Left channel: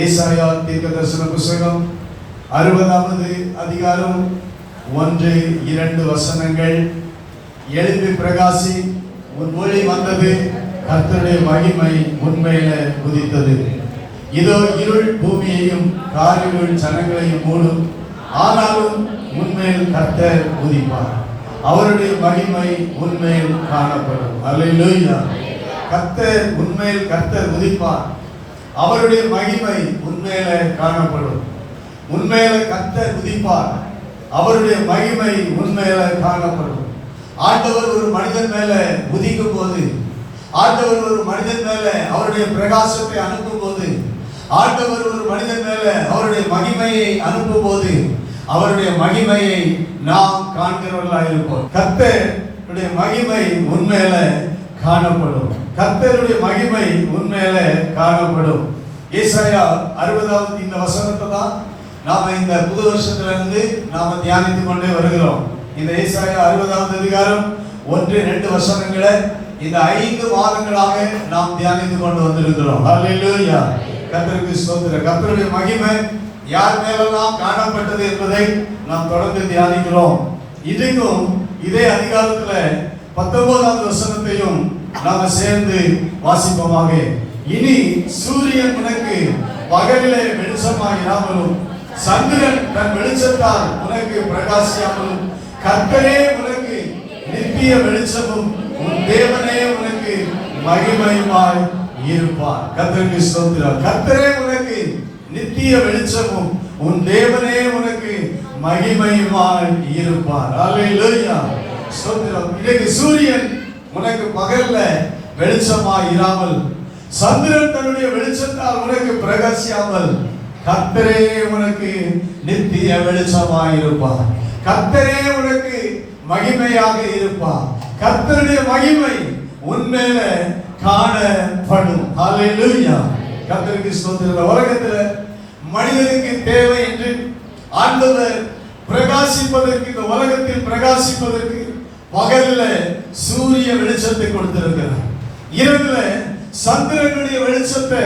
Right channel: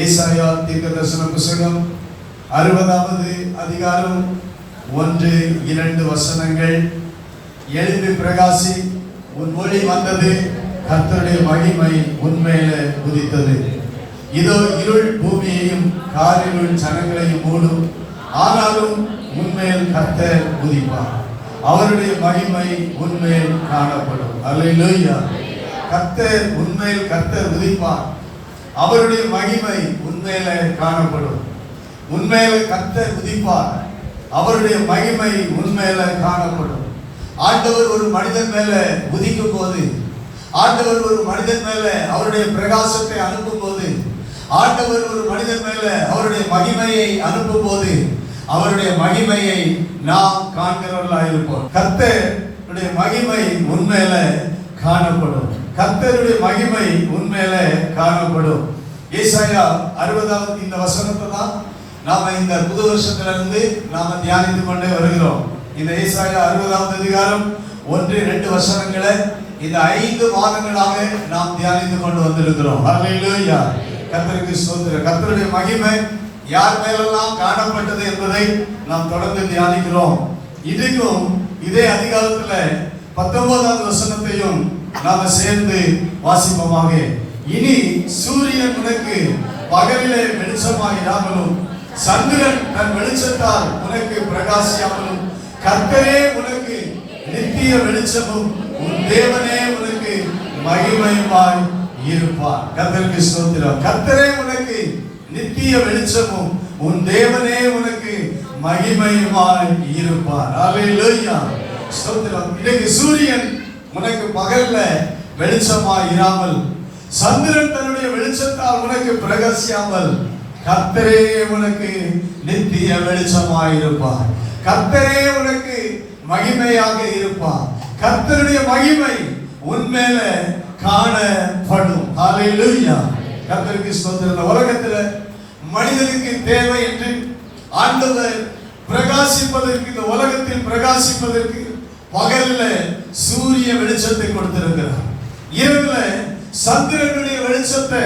ஏசாயா தீர்க்கதரிசன புத்தகம் 60வது அதிகாரம் 1-2 வசனங்கள். எழுந்து பிரகாசி, உன் ஒளி வந்தது, கர்த்தருடைய மகிமை உன்மேலே உதித்தது. இதோ இருள் பூமியையும் காரிருள் ஜனங்களையும் மூடும், ஆனாலும் உன்மேல் கர்த்தர் உதிப்பார், அவருடைய மகிமை உன்மேல் காணப்படும். அல்லேலூயா. கர்த்தர் உன்மேல் கர்த்தர் உதிப்பார், அவருடைய மகிமை உன்மேலே காணப்படும். உன்மேலே கர்த்தர் உதிப்பார், அவருடைய மகிமை உன்மேலே காணப்படும். ஆண்டவர் ஒரு மனிதன் மேலே உதிக்கும் போது, ஆண்டவர் ஒரு மனிதன் மேலே அவருடைய பிரகாசத்தை அனுப்பும் போது, ஆண்டவர் ஒரு மனிதன் மேலே அவருடைய மகிமையை அனுப்பும் போது, அவருடைய மகிமையை நாம் காண்கிறவர்களாக இருப்போம். கர்த்தருடைய மகிமை உன்மேலே காணப்படும். கர்த்தருடைய மகிமை உன்மேலே காணப்படும். ஏசாயா 60வது இந்த வசனத்தை தான் நாம இந்த புது வருஷத்திலிருந்து நாம தியானித்துக் கொண்டே வருகிறோம். இந்த ஏசாயா 60வது அதிகாரம் 1-2 வசனங்களை இந்த 5 மாதங்களாக நாம் தியானித்துக் கொண்டு வந்திருக்கிறோம். அல்லேலூயா. கர்த்தருக்கு ஸ்தோத்திரம். கர்த்தருடைய மகிமை யார் மேலெல்லாம் காணப்பட்டது என்பதை நாம் தொடர்ந்து தியானிக்கிறோம். இதுக்கும் இதே அதிகாரத்துல 19வது வசனத்தையும் நாம சேர்ந்து வாசிப்போமாக. இனி சூரியன் உனக்கு பகலிலே வெளிச்சமாயிராமலும், சந்திரன் தன் வெளிச்சத்தால் உனக்கு பிரகாசியாமலும், கர்த்தரே உனக்கு நித்திய வெளிச்சமும், உன் தேவனே உனக்கு மகிமையுமாய் இருப்பார். கர்த்தருக்கு ஸ்தோத்திரம். கர்த்தரே உனக்கு நித்திய வெளிச்சமும், உன் தேவனே உனக்கு மகிமையுமாய் இருப்பார். அல்லேலூயா. ஸ்தோத்திரம். இன்னைக்கு சூரியன் உனக்கு பகல்ல வெளிச்சமாய் இராமல், சந்திரன் தன்னுடைய வெளிச்சத்தால் உனக்கு பிரகாசியாமல், கர்த்தரே உனக்கு நித்திய வெளிச்சமாய் இருப்பார். கர்த்தரே உனக்கு மகிமையாக இருப்பார். கர்த்தருடைய மகிமை உன்மேல காணப்படும். அல்லேலூயா. கர்த்தருக்கு ஸ்தோத்திரம். உலகத்துல மனிதனுக்கு தேவை என்று ஆண்டவர் பிரகாசிப்பதற்கு, இந்த உலகத்தில் பிரகாசிப்பதற்கு பகல்ல சூரிய வெளிச்சத்தை கொடுத்திருக்கிறார். இரவுல சந்திரனுடைய வெளிச்சத்தை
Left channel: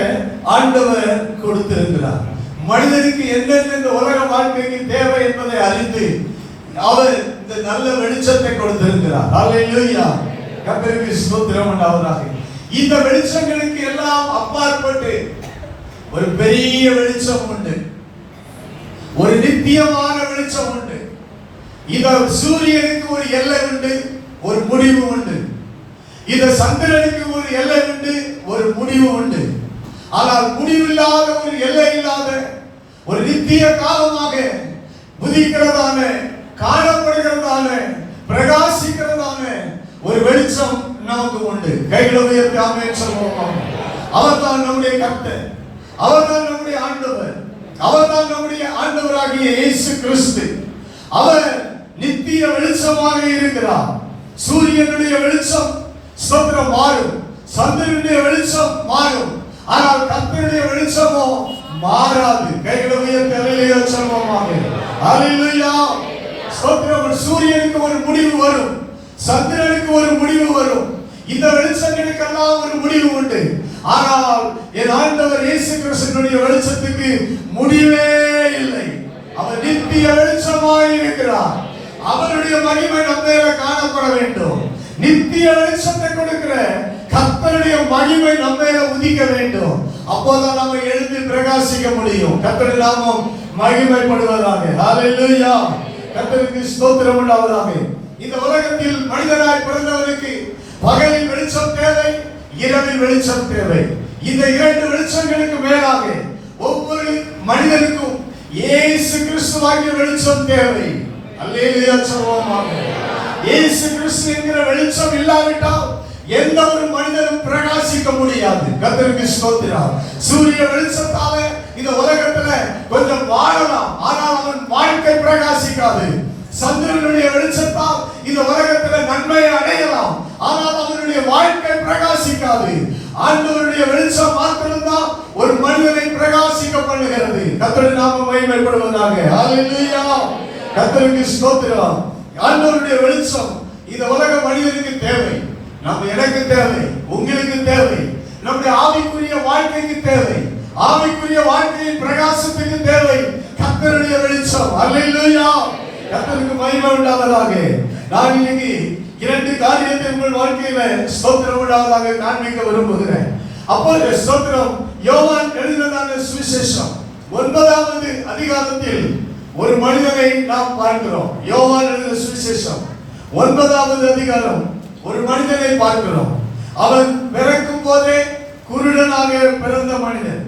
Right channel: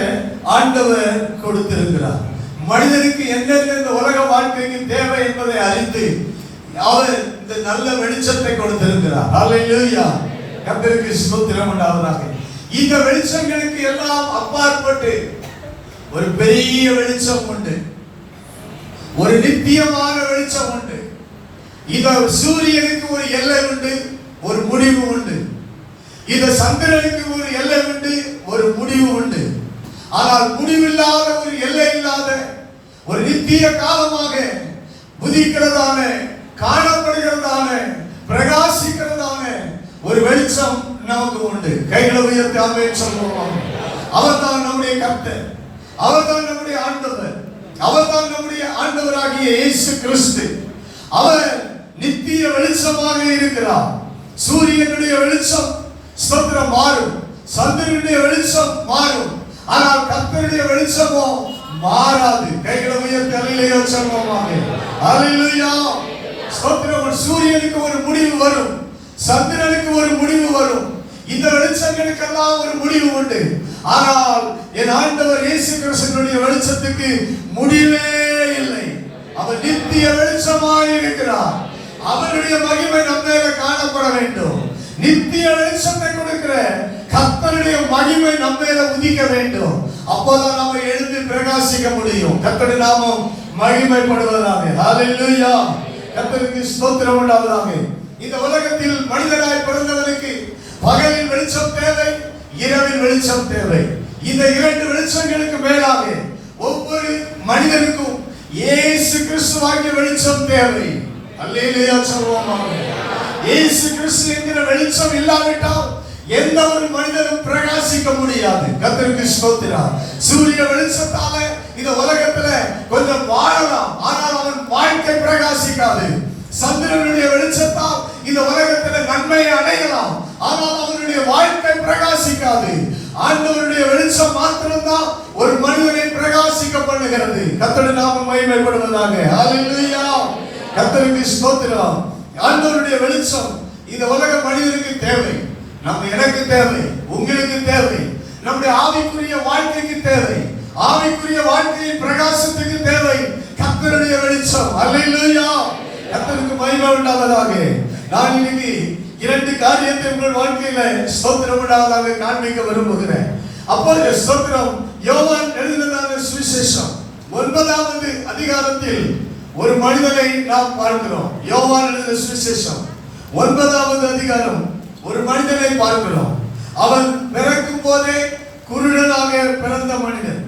ஆண்டவர் கொடுத்திருக்கிறார். மனிதனுக்கு என்னென்ன இந்த உலக வாழ்க்கைக்கு தேவை என்பதை அறிந்து அவர் இந்த நல்ல வெளிச்சத்தை கொடுத்திருக்கிறார். அல்லேலூயா. கர்த்தருக்கு ஸ்தோத்திரம் உண்டாவதாக. இந்த வெளிச்சங்களுக்கு எல்லாம் அப்பாற்பட்டு ஒரு பெரிய வெளிச்சம் உண்டு, ஒரு நித்தியமான வெளிச்சம் உண்டு. இந்த சூரியனுக்கு ஒரு எல்லை உண்டு, ஒரு முடிவு உண்டு. இந்த சந்திரனுக்கு ஒரு எல்லை உண்டு, ஒரு முடிவு உண்டு. ஆனால் முடிவில்லாத, ஒரு எல்லை இல்லாத, ஒரு நித்திய காலமாக உதிக்கிறதான, காணப்படுகிறதான, பிரகாசிக்கிறதான ஒரு வெளிச்சம் நமக்கு உண்டு. கைகளை உயர்த்தி ஆமென் சொல்லுவோம். அவர்தான் நம்முடைய கர்த்தர், அவர்தான் நம்முடைய ஆண்டவர், அவர்தான் நம்முடைய ஆண்டவராகிய இயேசு கிறிஸ்து. அவர் நித்திய வெளிச்சமாக இருக்கிறார். சூரியனுடைய வெளிச்சம் ஸ்தோத்திரம் மாறும், சந்திரனுடைய வெளிச்சம் மாறும், ஆனால் கர்த்தருடைய வெளிச்சமோ மாறாது. கைகளை உயர்த்தி அல்லேலூயா சொல்லுவோமாக. அல்லேலூயா. ஸ்தோத்திரம். சூரியனுக்கு ஒரு முடிவு வரும், சந்திரனுக்கு ஒரு முடிவு வரும். இந்த வெளிச்சங்களுக்கெல்லாம் ஒரு முடிவு உண்டு. ஆனால் என் ஆண்டவர் இயேசு கிறிஸ்துவினுடைய வெளிச்சத்துக்கு முடிவே இல்லை. அவர் நித்திய வெளிச்சமாய் இருக்கிறார். அவருடைய மகிமை நம்மேல காணப்பட வேண்டும். நித்திய வெளிச்சத்தை கொடுக்கிற கர்த்தருடைய மகிமை நம்மேல உதிக்க வேண்டும். அப்போதான் நம்ம எழுந்து பிரகாசிக்க முடியும். கர்த்தருடைய நாமம் மகிமைப்படுவதாக. அல்லேலூயா. கர்த்தருக்கு ஸ்தோத்திரம் உண்டாவதாக. இந்த உலகத்தில் மனிதனாய் பிறந்தவனுக்கு பகலில் வெளிச்சம் தேவை, இரவில் வெளிச்சம் தேவை. இந்த 2 வெளிச்சங்களுக்கு மேலாக ஒவ்வொரு மனிதனுக்கும் இயேசு கிறிஸ்துவாகிய வெளிச்சம் தேவை. அல்லேலூயா சொல்லுவோமாக. இயேசு கிறிஸ்து என்கிற வெளிச்சம் இல்லாவிட்டால் எந்த ஒரு மனிதனும் பிரகாசிக்க முடியாது. கர்த்தருக்கு ஸ்தோத்திரம். சூரிய வெளிச்சத்தால இந்த உலகத்துல கொஞ்சம் வாழலாம், ஆனால் அவன் வாழ்க்கை பிரகாசிக்காது. சந்திரனுடைய வெளிச்சத்தால் இந்த உலகத்துல நன்மையை அடையலாம், ஆனால் அவனுடைய வாழ்க்கை பிரகாசிக்காது. ஆண்டவருடைய வெளிச்சம் மாத்திரம்தான் ஒரு மனிதனை பிரகாசிக்க பண்ணுகிறது. கர்த்தருடைய நாமம் மகிமைப்படுவதாக. அல்லேலூயா. கர்த்தருக்கு ஸ்தோத்திரம். ஆண்டவருடைய வெளிச்சம் இந்த உலக மனிதனுக்கு தேவை. நம்ம எனக்கு தேவை, உங்களுக்கு தேவை, நம்முடைய ஆவிக்குரிய வாழ்க்கைக்கு தேவை. ஆவிக்குரிய வாழ்க்கையின் பிரகாசத்துக்கு தேவை கர்த்தருடைய வெளிச்சம். அல்லேலூயா. கர்த்தருக்கு மகிமை உண்டாவதாக. நான் இன்னைக்கு 2 காரியத்தை உங்கள் வாழ்க்கையில ஸ்தோத்திரம் உண்டாவதாக காண்பிக்க விரும்புகிறேன். அப்பொழுது ஸ்தோத்திரம் யோவான் எழுதின சுவிசேஷம் 9வது அதிகாரத்தில் ஒரு மனிதனை நாம் பார்க்கிறோம். யோவான் எழுதின சுவிசேஷம் 9வது அதிகாரம் ஒரு மனிதனை பார்க்கிறோம். அவன் பிறக்கும் போதே குருடனாக பிறந்த மனிதன்.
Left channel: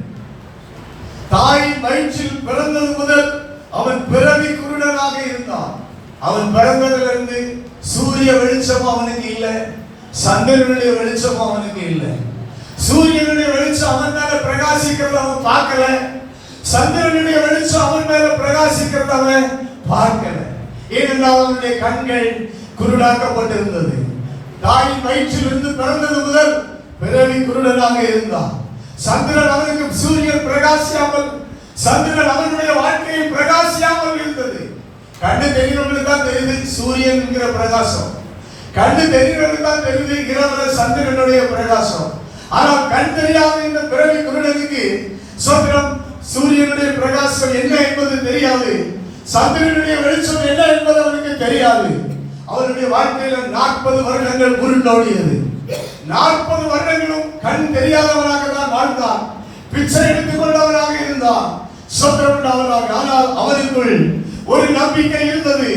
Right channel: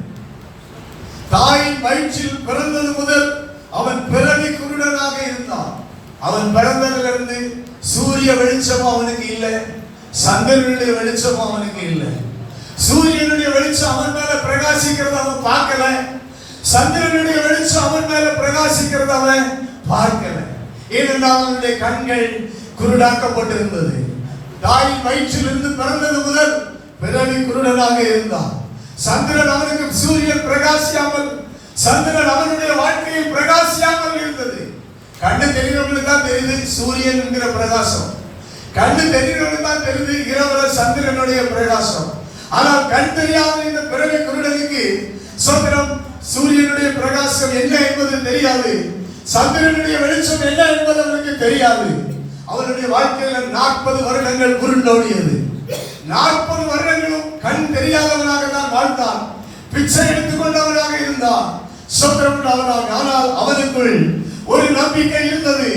தாயின் வயிற்றில் பிறந்தது முதல் அவன் பிறவி குருடனாக இருந்தான். அவன் பிறந்ததிலிருந்து சூரிய வெளிச்சம் அவனுக்கு இல்லை, சந்திரனுடைய வெளிச்சம் அவனுக்கு இல்லை. சூரியனுடைய வெளிச்சம் அவன் மேல பிரகாசிக்கிறத அவன் பார்க்கல, சந்திரனுடைய வெளிச்சம் அவன் மேல பிரகாசிக்கிறத அவன் பார்க்கல. ஏனென்றால் அவனுடைய கண்கள் குருடாக்கப்பட்டிருந்தது. தாயின் வயிற்றிலிருந்து பிறந்தது முதல் பிறவி குருடனாக இருந்தான். சந்திரன் அவனுக்கு சூரியன் பிரகாசியாமல், சந்திரன் அவனுடைய வாழ்க்கையை பிரகாசியாமல் இருந்தது. கண்ணு தெரிகிறவனுக்கு தான் தெரியுது சூரியன் என்கிற பிரகாசம், கண்ணு தெரிகிறவனுக்கு தான் தெரியுது இரவுல சந்திரனுடைய பிரகாசம். ஆனால் கண் தெரியாத இந்த பிறவி குருடனுக்கு சோதரம் சூரியனுடைய பிரகாசம் என்ன என்பது தெரியாது, சந்திரனுடைய வெளிச்சம் என்ன என்பது அவனுக்கு தெரியாது. அவனுடைய வாழ்க்கையில 40 வருடங்கள் குருண்டோடியது. 40 வருடங்களும் கண் தெரியாதவனாக தான் வாழ்ந்தான், பிச்சை எடுத்துக் கொண்டவனாக இருந்தான், சோதரம் உண்டாவனாக. ஆனால் அவனுக்குள் ஒரு நம்பிக்கை இருந்தது.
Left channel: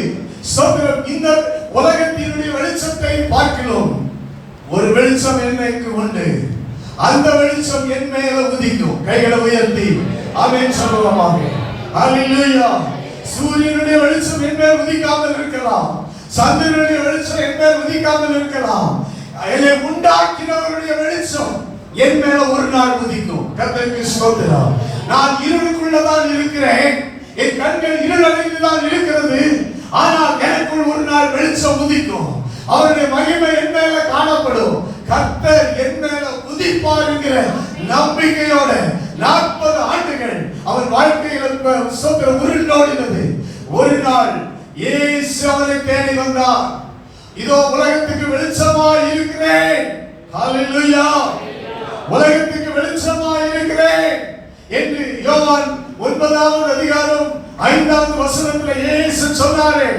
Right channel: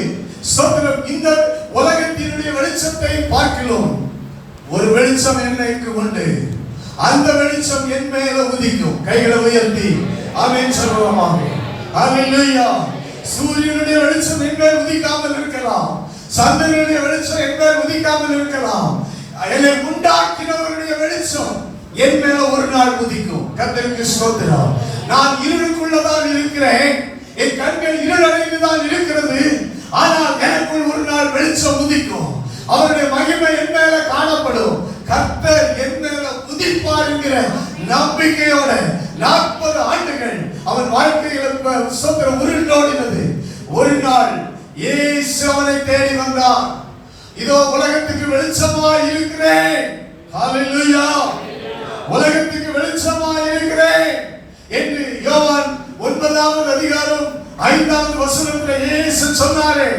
சோதரம் இந்த உலகத்தினுடைய வெளிச்சத்தை பார்க்கிறோம், ஒரு வெளிச்சம் என்னைக்கு உண்டு, அந்த வெளிச்சம் என் மேல உதிக்கும். கைகளை உயர்த்தி ஆமென் சொல்லுவோமா? ஹalleluya. சூரியனுடைய வெளிச்சம் என் மேல் உதிக்காமல் இருக்கலாம், சந்திரனுடைய வெளிச்சம் என் மேல் உதிக்காமல் இருக்கலாம், என்னை உண்டாக்கினவருடைய வெளிச்சம் என் மேல ஒரு நாள் உதிக்கும். கர்த்தருக்கு ஸ்தோத்திரம். நான் இருளுக்குள்ளதான் இருக்கிறேன், என் கண்கள் இருளடைந்துதான் இருக்கிறது, ஆனால் எனக்குள் ஒரு நாள் வெளிச்சம் உதிக்கும். அவருடைய மகிமை என் மேல காணப்படும், கர்த்தர் என் மேல உதிப்பார் என்கிற நம்பிக்கையோட 40 ஆண்டுகள் அவன் வாழ்க்கையில் ஸ்தோத்திரம் உருண்டோடினது. ஒரு நாள் இயேசு அவனை தேடி வந்தார். இதோ உலகத்துக்கு வெளிச்சமாய் இருக்கிறேன், ஹalleluya, உலகத்துக்கு வெளிச்சமாய் இருக்கிறேன் என்று யோவான் 9வது அதிகாரம் 5வது வசனத்தில் இயேசு சொன்னாரே.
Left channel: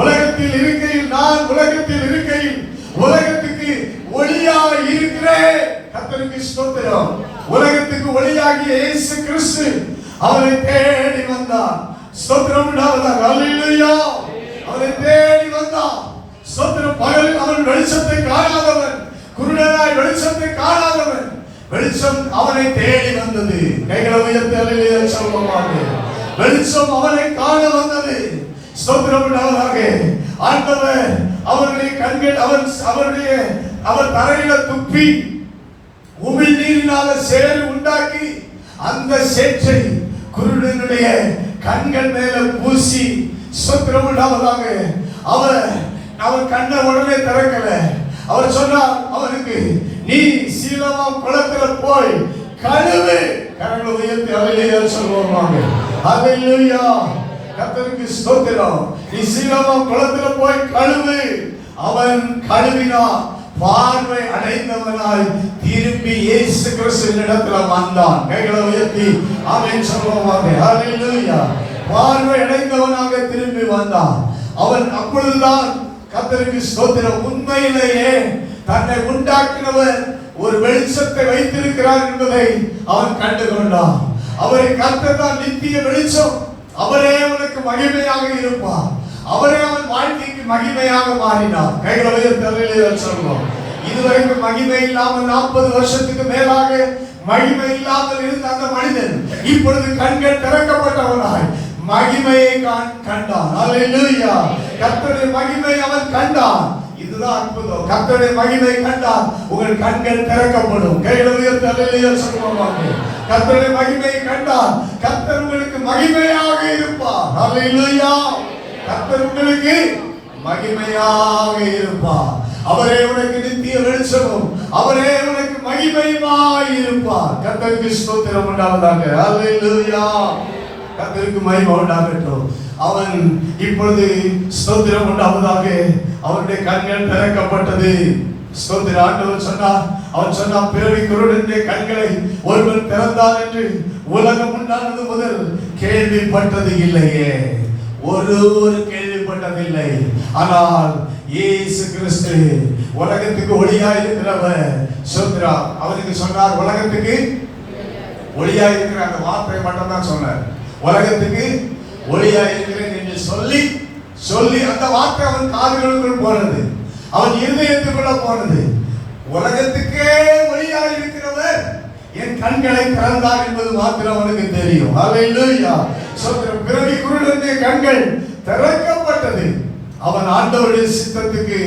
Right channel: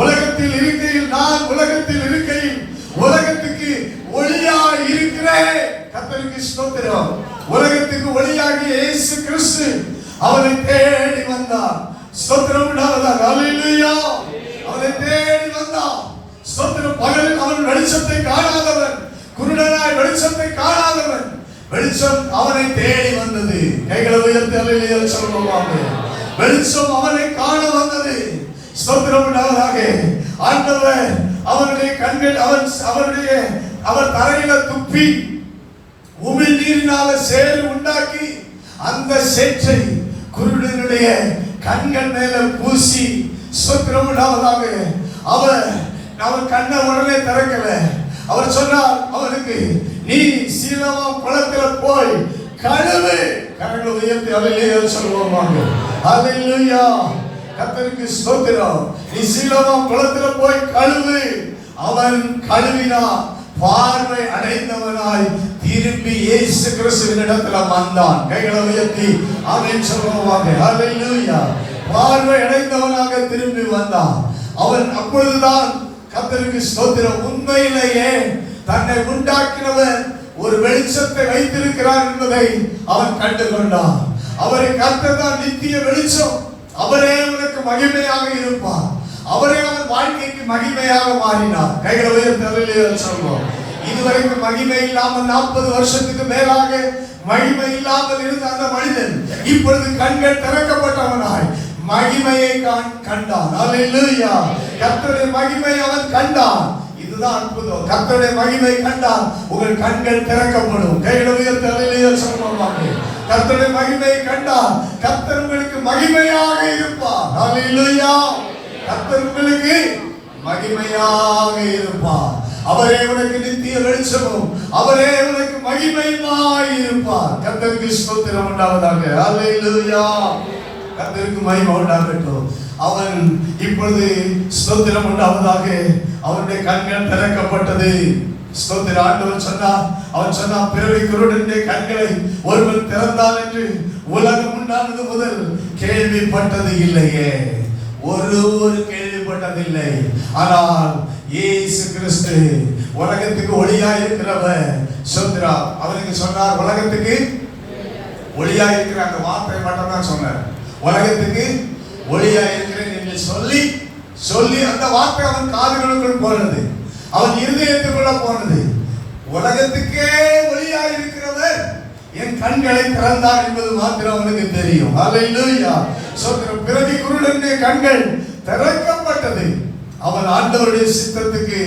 உலகத்தில் இருக்கையில், நான் உலகத்தில் இருக்கையில் உலகத்துக்கு ஒளியாய் இருக்கிறேன். கர்த்தருக்கு ஸ்தோத்திரம். உலகத்துக்கு ஒளியாகிய இயேசு கிறிஸ்து அவரை தேடி வந்தார். ஸ்தோத்திரம் உண்டாவதாக. ஹalleluya. அவரை தேடி வந்தார். ஸ்தோத்திரம். பகலில் அவன் வெளிச்சத்தை காணாதவன், குருடனாய் வெளிச்சத்தை காணாதவன், வெளிச்சம் அவனை தேடி வந்தது. கைகளை உயர்த்தி ஹalleluya சொல்லுவாங்க. வெளிச்சம் அவனை காண வந்தது. ஸ்தோத்திரம் உண்டாவதாக. ஆண்டவர் அவருடைய கண்கள் அவர் தரையில துப்பி உமிழ் நீரினால சேறு உண்டாக்கி அந்த சேற்றை குருடனுடைய கண்கள் மேல பூசி, ஸ்தோத்திரம் உண்டாவதாக, அவர் கண்ணை உடனே திறக்கல. அவர் சொன்னார் அவனுக்கு, நீ சீலோவாம் குளத்துல போய் கழுவு. கரங்களை உயர்த்தி ஹalleluya சொல்லுவாங்க. ஹalleluya. கர்த்தருக்கு ஸ்தோத்திரம். நீ சீலோவாம் குளத்துல போய் கழுவு. அவன் கழுவினான், பார்வை அடைந்தவனாய் திரும்பி இயேசு கிறிஸ்துவின் இடத்துல வந்தான். கைகளை உயர்த்தி ஆமென் சொல்லுவாங்க. ஹalleluya. பார்வை அடைந்தவனாக திரும்பி வந்தான். அவன் அப்பொழுதுதான் கர்த்தருக்கு ஸ்தோத்திரம், உண்மையிலேயே தன்னை உண்டாக்கினவர் ஒரு வெளிச்சத்தை வைத்திருக்கிறார் என்பதை அவன் கண்டு கொண்டான். அவரை கர்த்தர் தான் நித்திய வெளிச்சம், அவரே அவனுக்கு மகிமையாக இருப்பார், அவரே அவன் வாழ்க்கைக்கு மகிமையாக மாறினார். கைகளை உயர்த்தி ஹalleluya சொல்லுவோம். இதுவரைக்கும் மகிமை இல்லாமல் 40 வருஷத்துக்கு மேலாக மகிமை இல்லாமல் இருந்த அந்த மனிதன் இப்பொழுது கண்கள் திறக்கப்பட்டவனாய் மகிமையை கண்டான். ஹalleluya. கர்த்தருடைய மகிமை அவன் கண்டான். இதுதான் அற்புதம். கர்த்தருடைய மகிமை கண்டான், உங்கள் கண்கள் திறக்கப்படும். கைகளை உயர்த்தி ஹalleluya சொல்லுவாங்க. கர்த்தருடைய மகிமை கண்டான், கர்த்தர் உங்களுக்கு மகிமையாக இருப்பார். ஹalleluya. கர்த்தர் உங்களுக்கு மகிமையாக இருப்பார். அவரே உனக்கு நித்திய வெளிச்சமும், அவரே உனக்கு மகிமையுமாய் இருப்பார். கர்த்தருக்கு ஸ்தோத்திரம் உண்டாவதாக. ஹalleluya. கர்த்தருக்கு மகிமை உண்டாகட்டும். அவன் இப்பொழுது ஸ்தோத்திரம் உண்டாவதாக, அவனுடைய கண்கள் திறக்கப்பட்டது. ஸ்தோத்திரம். ஆண்டவர் சொன்னார், அவன் சொன்னான், பிறவி குருடனுடைய கண்களை ஒருவர் திறந்தார் என்று உலகம் உண்டானது முதல் கேள்விப்பட்டது இல்லையே. ஒரு கேள்விப்பட்டதில்லை. ஆனால் இயேசு கிறிஸ்து உலகத்துக்கு ஒளியா இருக்கிறவர். சோத்ரா அவருக்கு சொன்னார், உலகத்துக்கு ஒளியா இருக்கிற அந்த வார்த்தை மட்டும் தான் சொன்னார். உலகத்துக்கு ஒளியா இருக்கிறேன் என்று சொல்லி சொல்லி அந்த வார்த்தை அவன் காதுகளுக்குள் போனது, அவன் இருதயத்துக்குள்ள போனது. உலகத்துக்கே ஒளியா இருக்கிறவர் என் கண்களை திறந்தார் என்பது மாத்திரம் அவனுக்கு தெரியும். அல்லேலூயா. சோத்ரம். பிறவி குருடனுடைய கண்கள் திறக்கப்பட்டது. அவன் ஆண்டவருடைய சித்தத்துக்கு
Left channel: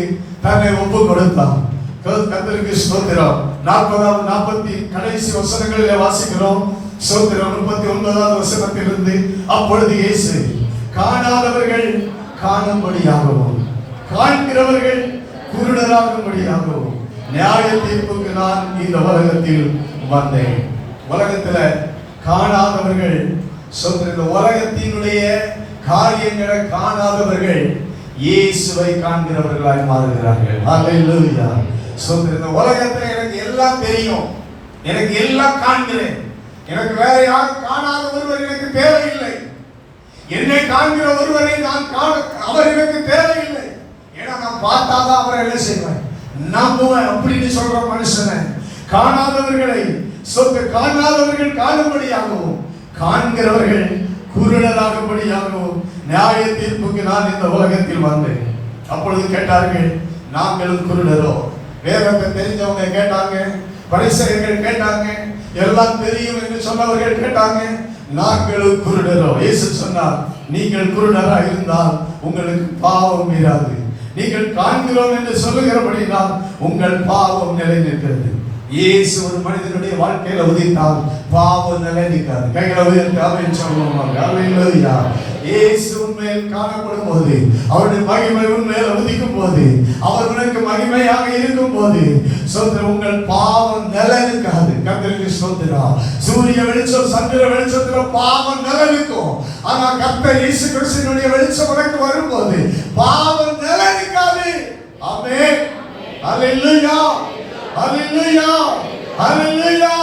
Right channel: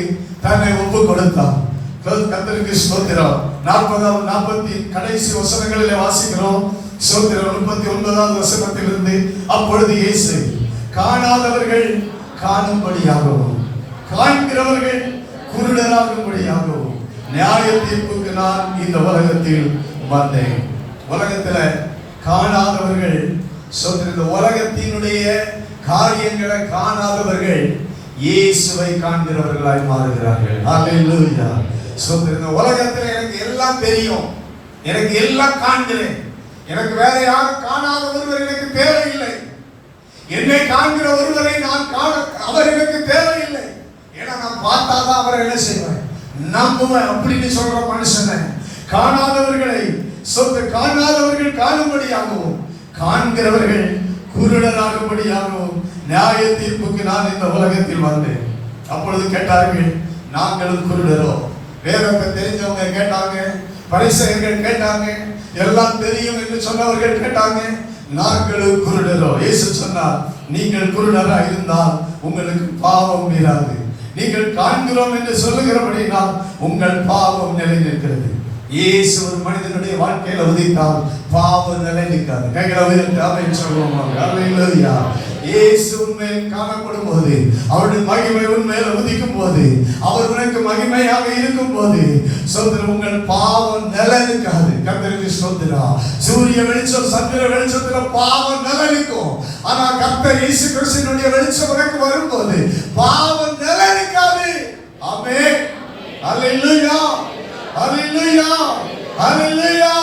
தன்னை ஒப்பு கொடுத்தான். கர்த்தருக்கு ஸ்தோத்திரம். 40 கடைசி வசனங்களிலே வாசிக்கிறோம். ஸ்தோத்திரம். 39வது வசனத்திலிருந்து, அப்பொழுது இயேசு காணாதவர்கள் காணும்படியாகவும் காண்கிறவர்கள் குருடராகும்படியாகவும் நியாய தீர்ப்புக்கு நான் இந்த உலகத்தில் வந்தேன். உலகத்துல காணாதவர்கள், இந்த உலகத்தினுடைய காரியங்களை காணாதவர்கள் இயேசுவை காண்கிறவர்களாய் மாறுகிறார்கள். ஹல்லேலூயா. இந்த உலகத்துல எனக்கு எல்லாம் தெரியும், எனக்கு எல்லாம் காண்கிறேன், எனக்கு வேற யாரும் காணாத ஒருவர் எனக்கு தேவையில்லை, என்னை காண்கிற ஒருவரை நான் அவர் எனக்கு தேவையில்லை, ஏன்னா நான் பார்த்தாதான் அவரை என்ன செய்வேன், நம்புவேன் அப்படின்னு சொல்ற மனுஷனை காணாதவர்களை காணாதவர்கள் காணும்படியாகவும் காண்கிறவர்கள் குருடராகும்படியாகவும் நியாய தீர்ப்புக்கு நான் இந்த உலகத்தில் வந்தேன். அப்பொழுது கேட்டார்கள், நாங்களும் குருடரோ? வேதத்தை தெரிஞ்சவங்க கேட்டாங்க, பரிசேயர்கள் கேட்டாங்க, எல்லாம் தெரியும் என்று சொன்னவர்கள் கேட்டாங்க, நாங்களும் குருடரோ? இயேசு சொன்னார், நீங்கள் குருடரா இருந்தால் உங்களுக்கு பாவம் இராது. நீங்கள் காண்கிறோம் என்று சொல்லுகிறபடினால் உங்கள் பாவம் நிலைநிற்கிறது. இயேசு ஒரு மனிதனுடைய வாழ்க்கையில உதித்தால் பாவம் நிலைநிற்காது. கைகளை உயர்த்தி ஆமென் சொல்லுவாங்க. அல்லேலூயா. இயேசு உண்மையில் காணப்படும் போது, அவருடைய மகிமை உண்மையில் உதிக்கும் போது, அவர் உனக்கு மகிமையாக இருக்கும் போது உங்கள் பாவம் நிலைநிற்காது. கர்த்தருக்கு ஸ்தோத்திரம். சூரிய வெளிச்சம் சந்திர வெளிச்சத்துல பாவம் நிலைநிற்கும். ஆனா கர்த்தர் இயேசு கிறிஸ்துவினுடைய வெளிச்சம் உனக்கு வரும்போது பாவம் நிலைநிற்காது. ஆமென். அல்லேலூயா. அல்லேலூயா. அல்லேலூயா.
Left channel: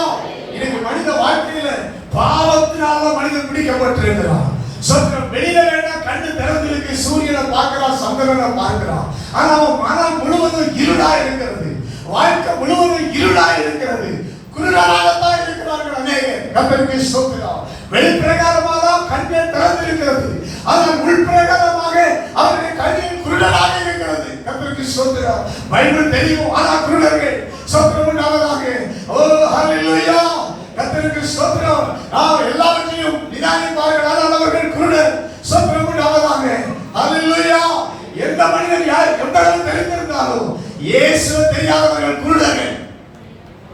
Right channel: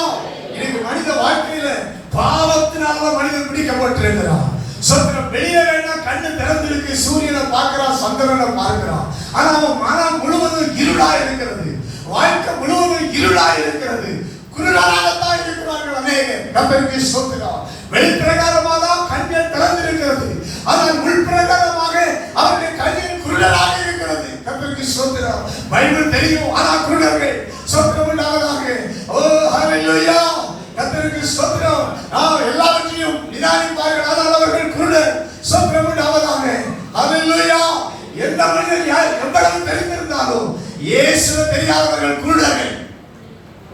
இன்னைக்கு மனித வாழ்க்கையில பாவத்தினால மனிதன் பிடிக்கப்பட்டிருக்கிறான். சோத்திரம். வெளியில வேணா கண்ணு திறந்திருக்கு, சூரியனை பார்க்கிறான், சந்திரனை பார்க்கிறான், ஆனா அவன் மனம் முழுவதும் இருளா இருக்கிறது, வாழ்க்கை முழுவதும் இருளா இருக்கிறது, குருடராகத்தான் இருக்கிறார்கள் அநேகர். கர்த்தருக்கு ஸ்தோத்திரம். வெளிப்பிரகாரமாக தான் கண்கள் திறந்திருக்கிறது, ஆனால் உள்பிரகாரமாக அவருடைய கண்ணில் குருடராக இருக்கிறது. கர்த்தருக்கு ஸ்தோத்திரம். பைபிள் தெரியும், ஆனா குருடர்கள். ஸ்தோத்திரம் உண்டாவதாக. ஓ ஹல்லேலூயா. கர்த்தருக்கு ஸ்தோத்திரம். எல்லாவற்றையும் நிதானிப்பார்கள், ஆனால் அவர்கள் குருடர். ஸ்தோத்திரம் உண்டாவதாக. ஹல்லேலூயா. எந்த மனிதன் எவ்வளவு தெரிந்திருந்தாலும் இயேசு தெரியாதவர்கள் குருடர்கள்.